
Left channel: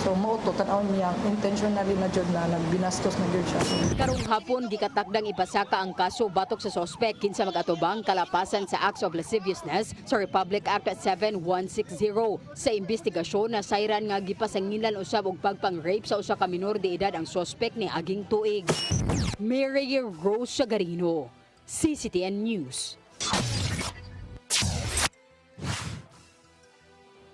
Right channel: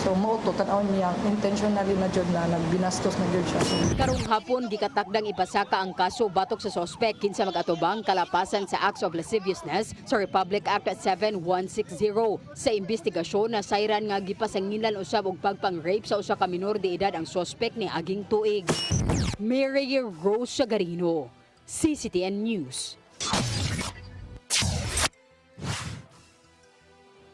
So mo to tan-aw niya intentionally na jud na nagbinastos na jud siya. Karong hapon gikatakdang ipasaka ang kaso batok sa suspect kinsa mag-atubang kalapasan sa acts of lasciviousness sa Republic Act 7160. Sa investigasyon na sayran nga gipasangilan usab og pagpang-rape sa usa ka minor de edad ang suspect ni aging tuig. Mary Rose Sagarino, CCTN News.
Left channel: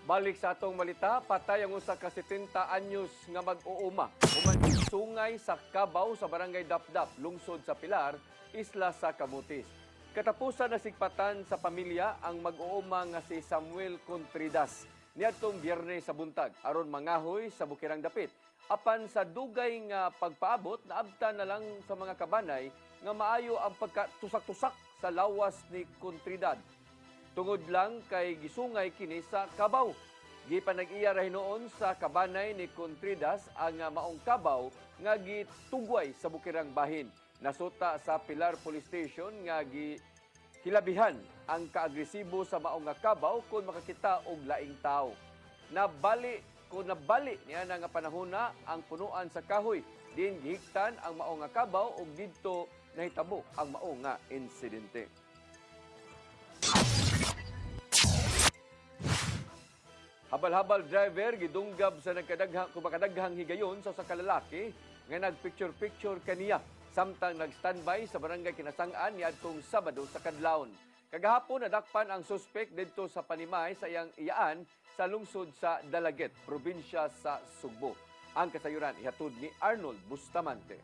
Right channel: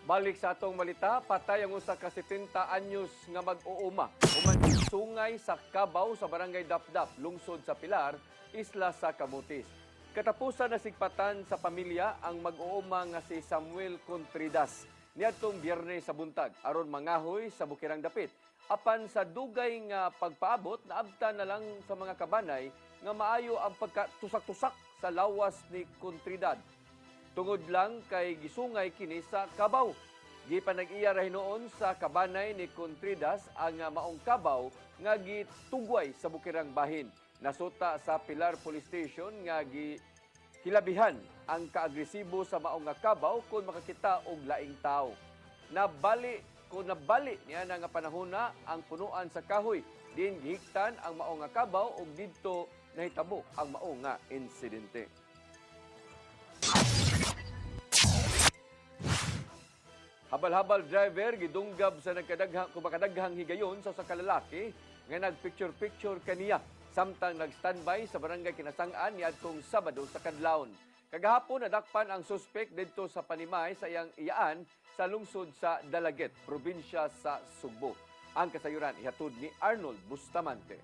Balik sa atong malita, patay ang usa ka 70 anyos nga mag-uuma human sungay sa Cabaw sa Barangay Dapdap, lungsod sa Pilar, isla sa Camotes. Katapusan na sigpatan sa pamilya ang mag-uuma nga si Samuel Contridas niadtong Biyernes sa buntag aron mangahoy sa Bukirang Dapit. Apan sa dugay nga pagpaabot, naabtan na lang sa mga kabanay nga maayo ang pagkatusak-tusak sa lawas ni Contridad. Tungod lang kay gisungay kini sa Cabaw. Gipanag-iya ra hinoon sa kabanay ni Contridas ang maong Cabaw nga gitugway sa Bukirang Bahin. Nasuta sa Pilar Police Station nga hilabihan ang kaagresibo sa maong Cabaw kung makakita og laing tao. Nabali niya nga panahona ang punuan sa kahoy. Din gihigtan ang maong Cabaw ug didto nahitabo ang maong insidente. habal-habal driver gidunggab sa makadaghang higayon sa kalalaki nga nagpicture-picture kaniya samtang nagstandby sa barangay Kinasangan niadtong Sabado sa kadlawon. Kagahapon nadakpan ang suspek didto sa Panimay sa iyang iyaan sa lungsod sa Dalaget, probinsya sa Sugbo. Ang kasayuran ihatod ni Arnold Bustamante.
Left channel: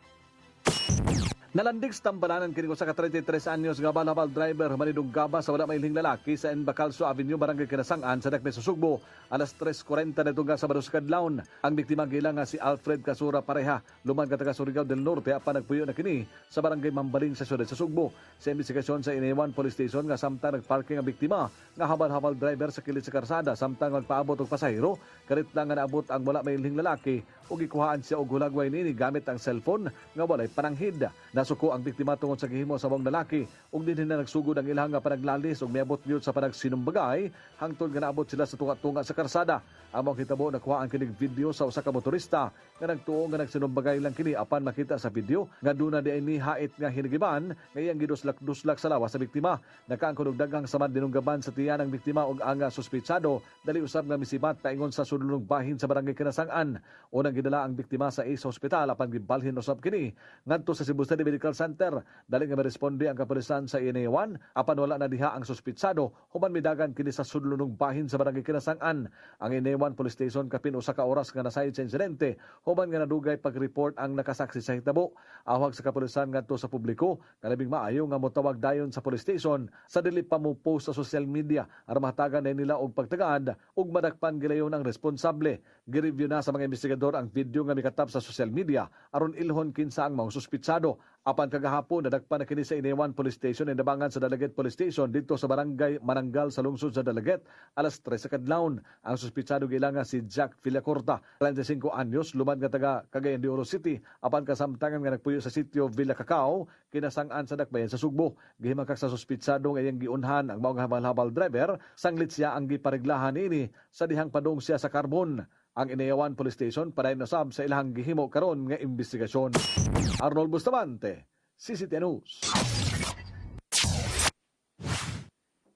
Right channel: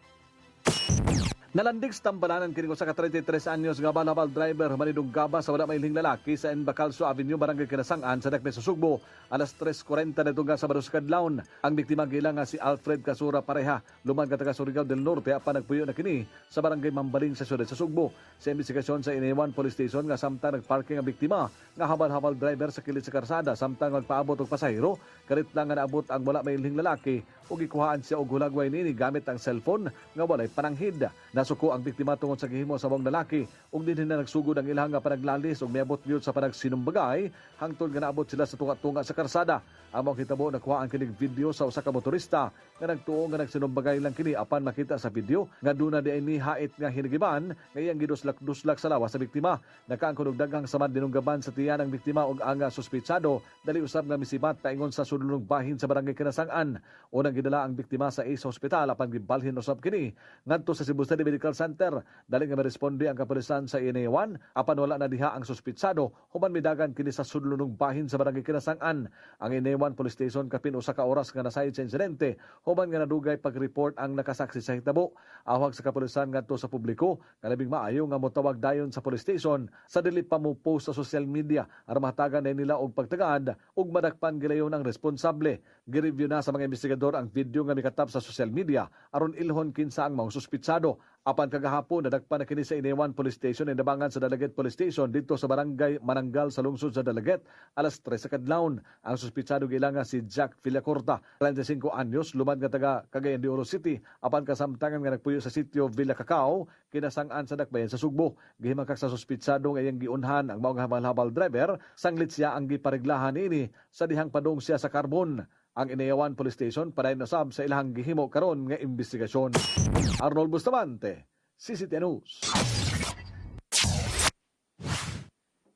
Nalandig sa tambalanan kini sa 33 anyos nga habal driver manidunggaba sa wala mailhing lalaki sa Embacalso Avenue, Barangay Kinasangan sa Dakmes, Sugbo. Alas 3:40 na itong Sabado sa kadlawon. Ang biktima gila nga si Alfred Casura Pareha, lumang taga Surigao del Norte, apan nagpuyo na kini sa Barangay Mambaling sa siyudad sa Sugbo. Sa investigasyon sa Inewan Police Station nga samtang nagparking ang biktima nga habal-habal driver sa kilid sa karsada samtang magpaabot og pasahero, kalit lang nga naabot ang wala mailhing lalaki ug gikuhaan siya og hulagway nini gamit ang cellphone nga walay pananghid. Nasuko ang biktima tungod sa gihimo sa mga lalaki ug dinhi na nagsugod ang ilang nga panaglalis ug miabot gyud sa panagsinumbagay hangtod nga naabot sila sa tunga-tunga sa karsada. Among hitabo nakuha ang kining video sa usa ka motorista nga nagtuo nga nagsinumbagay lang kini apan makita sa video nga duna di ni hait nga hinigiban nga iyang giduslak-duslak sa lawas sa biktima. Nakaangkon og daghang samad dinunggaban sa tiyan ng biktima ug ang suspetsado dali usab nga misibat paingon sa sulunong bahin sa Barangay Kinasangan. Unang gidala ang biktima sa Ace Hospital apan gibalhin usab kini ngadto sa Cebu City Medical Center. Dali nga maresponde ang kapulisan sa Inewan apan wala na diha ang suspetsado human midagan kini sa sulunong bahin sa Barangay Kinasangan. Ang Inewan Police Station kapin usa ka oras nga nasayod sa insidente human nga nadugay pag-report ang nakasaksi sa hitabo. Awag sa kapulisan ngadto sa publiko nga labing maayo nga motawag dayon sa police station sa dili pa mo post sa social media aron mahatagan na nila og pagtagad ug madakpan gilayon ang responsable. Gireview na sa mga investigador ang video nga mikatap sa social media aron ilhon kinsa ang mga suspitsado. Apan kagahapon nadakpan na kini sa Inewan Police Station and Dabangan sa Dalaget Police Station dito sa Barangay Manangal sa lungsod sa Dalaget alas 3 sa kadlawon. Ang suspitsado gilanga si Jack Villacorta, 35 anyos, lumad nga taga Cagayan de Oro City, apan kasamtangan nga nagpuyo sa sitio Villa Cacao, Kinasangan sa Dakbayan sa Sugbo. Gihimangkak sa suspitsado nga iyang giunhan ang mga habal-habal driver, sanglit siya ang gipareglahan ini sa dihang padong siya sa karbon. Ang Inewan Police Station para nasab sa ilahang gihimo karon nga investigasyon. Arnold Bustamante, CCTV News.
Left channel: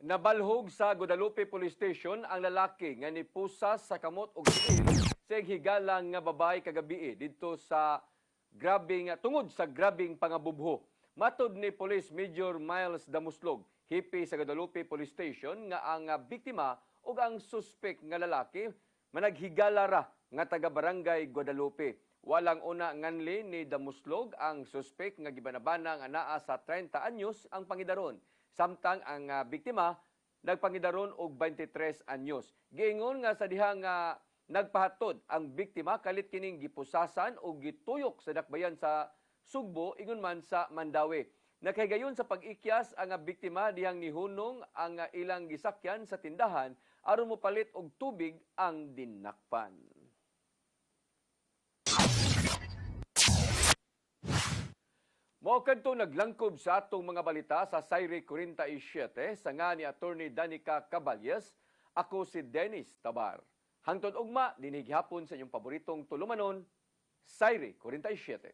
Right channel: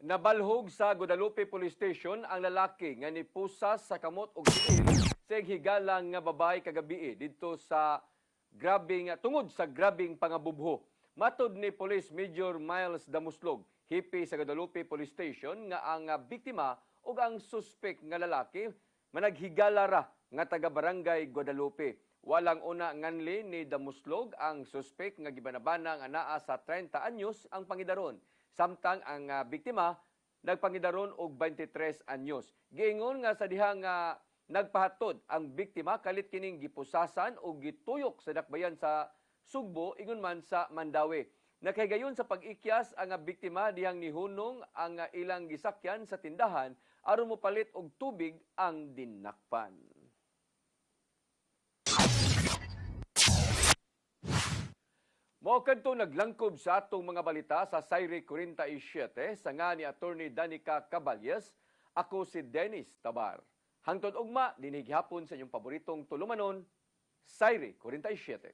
Nabalhog sa Guadalupe Police Station ang lalaki nga nipusas sa kamot og tiil sa higalang nga babae kagabi dito sa tungod sa grabing pangabubho. Matod ni Police Major Miles Damuslog, hipi sa Guadalupe Police Station, nga ang biktima ug ang suspek nga lalaki managhigala ra nga taga Barangay Guadalupe. Walang una nganli ni Damuslog ang suspek nga gibanabana nga naa sa 30 anyos ang pangidaron. Samtang ang biktima nagpangidaron og 23 anyos. Giingon nga sa diha nga nagpahatod ang biktima kalit kining gipusasan o gituyok sa dakbayan sa Sugbo ingon man sa Mandawi. Nakahigayon sa pag-ikyas ang biktima dihang nihunong ang ilang gisakyan sa tindahan aron mopalit og tubig ang dinakpan. Mao kadto naglangkob sa atong mga balita sa Sayre 47 sa nga ni Attorney Danica Caballes. Ako si Dennis Tabar. Hangtod ugma dinhi gihapon sa inyong paboritong tulumanon, Sayre 47.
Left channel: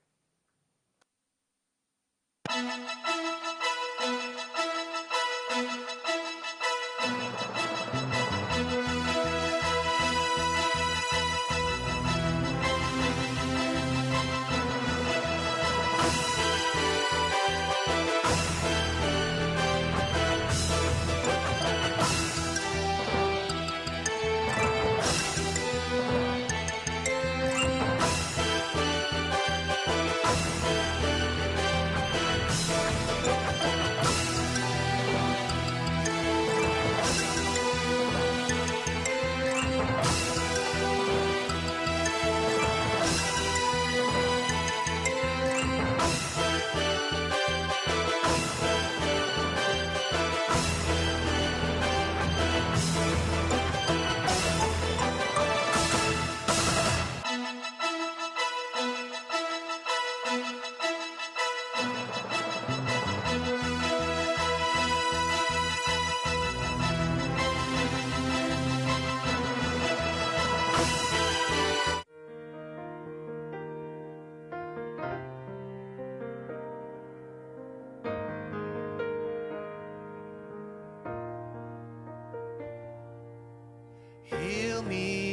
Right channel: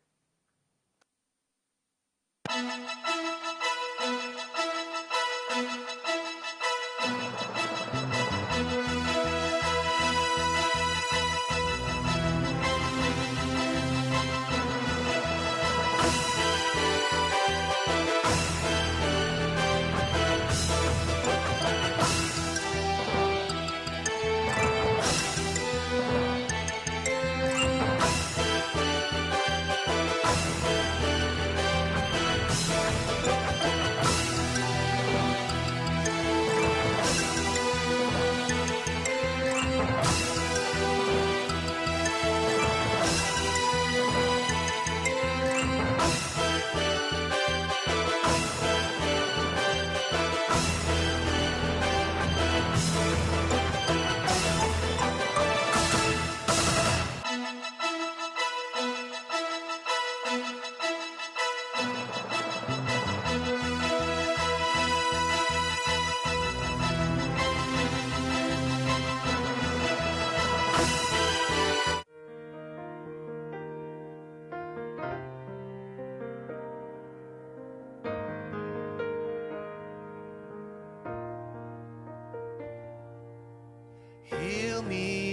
Heal me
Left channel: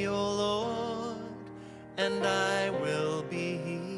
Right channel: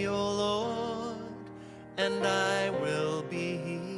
and I will be healed.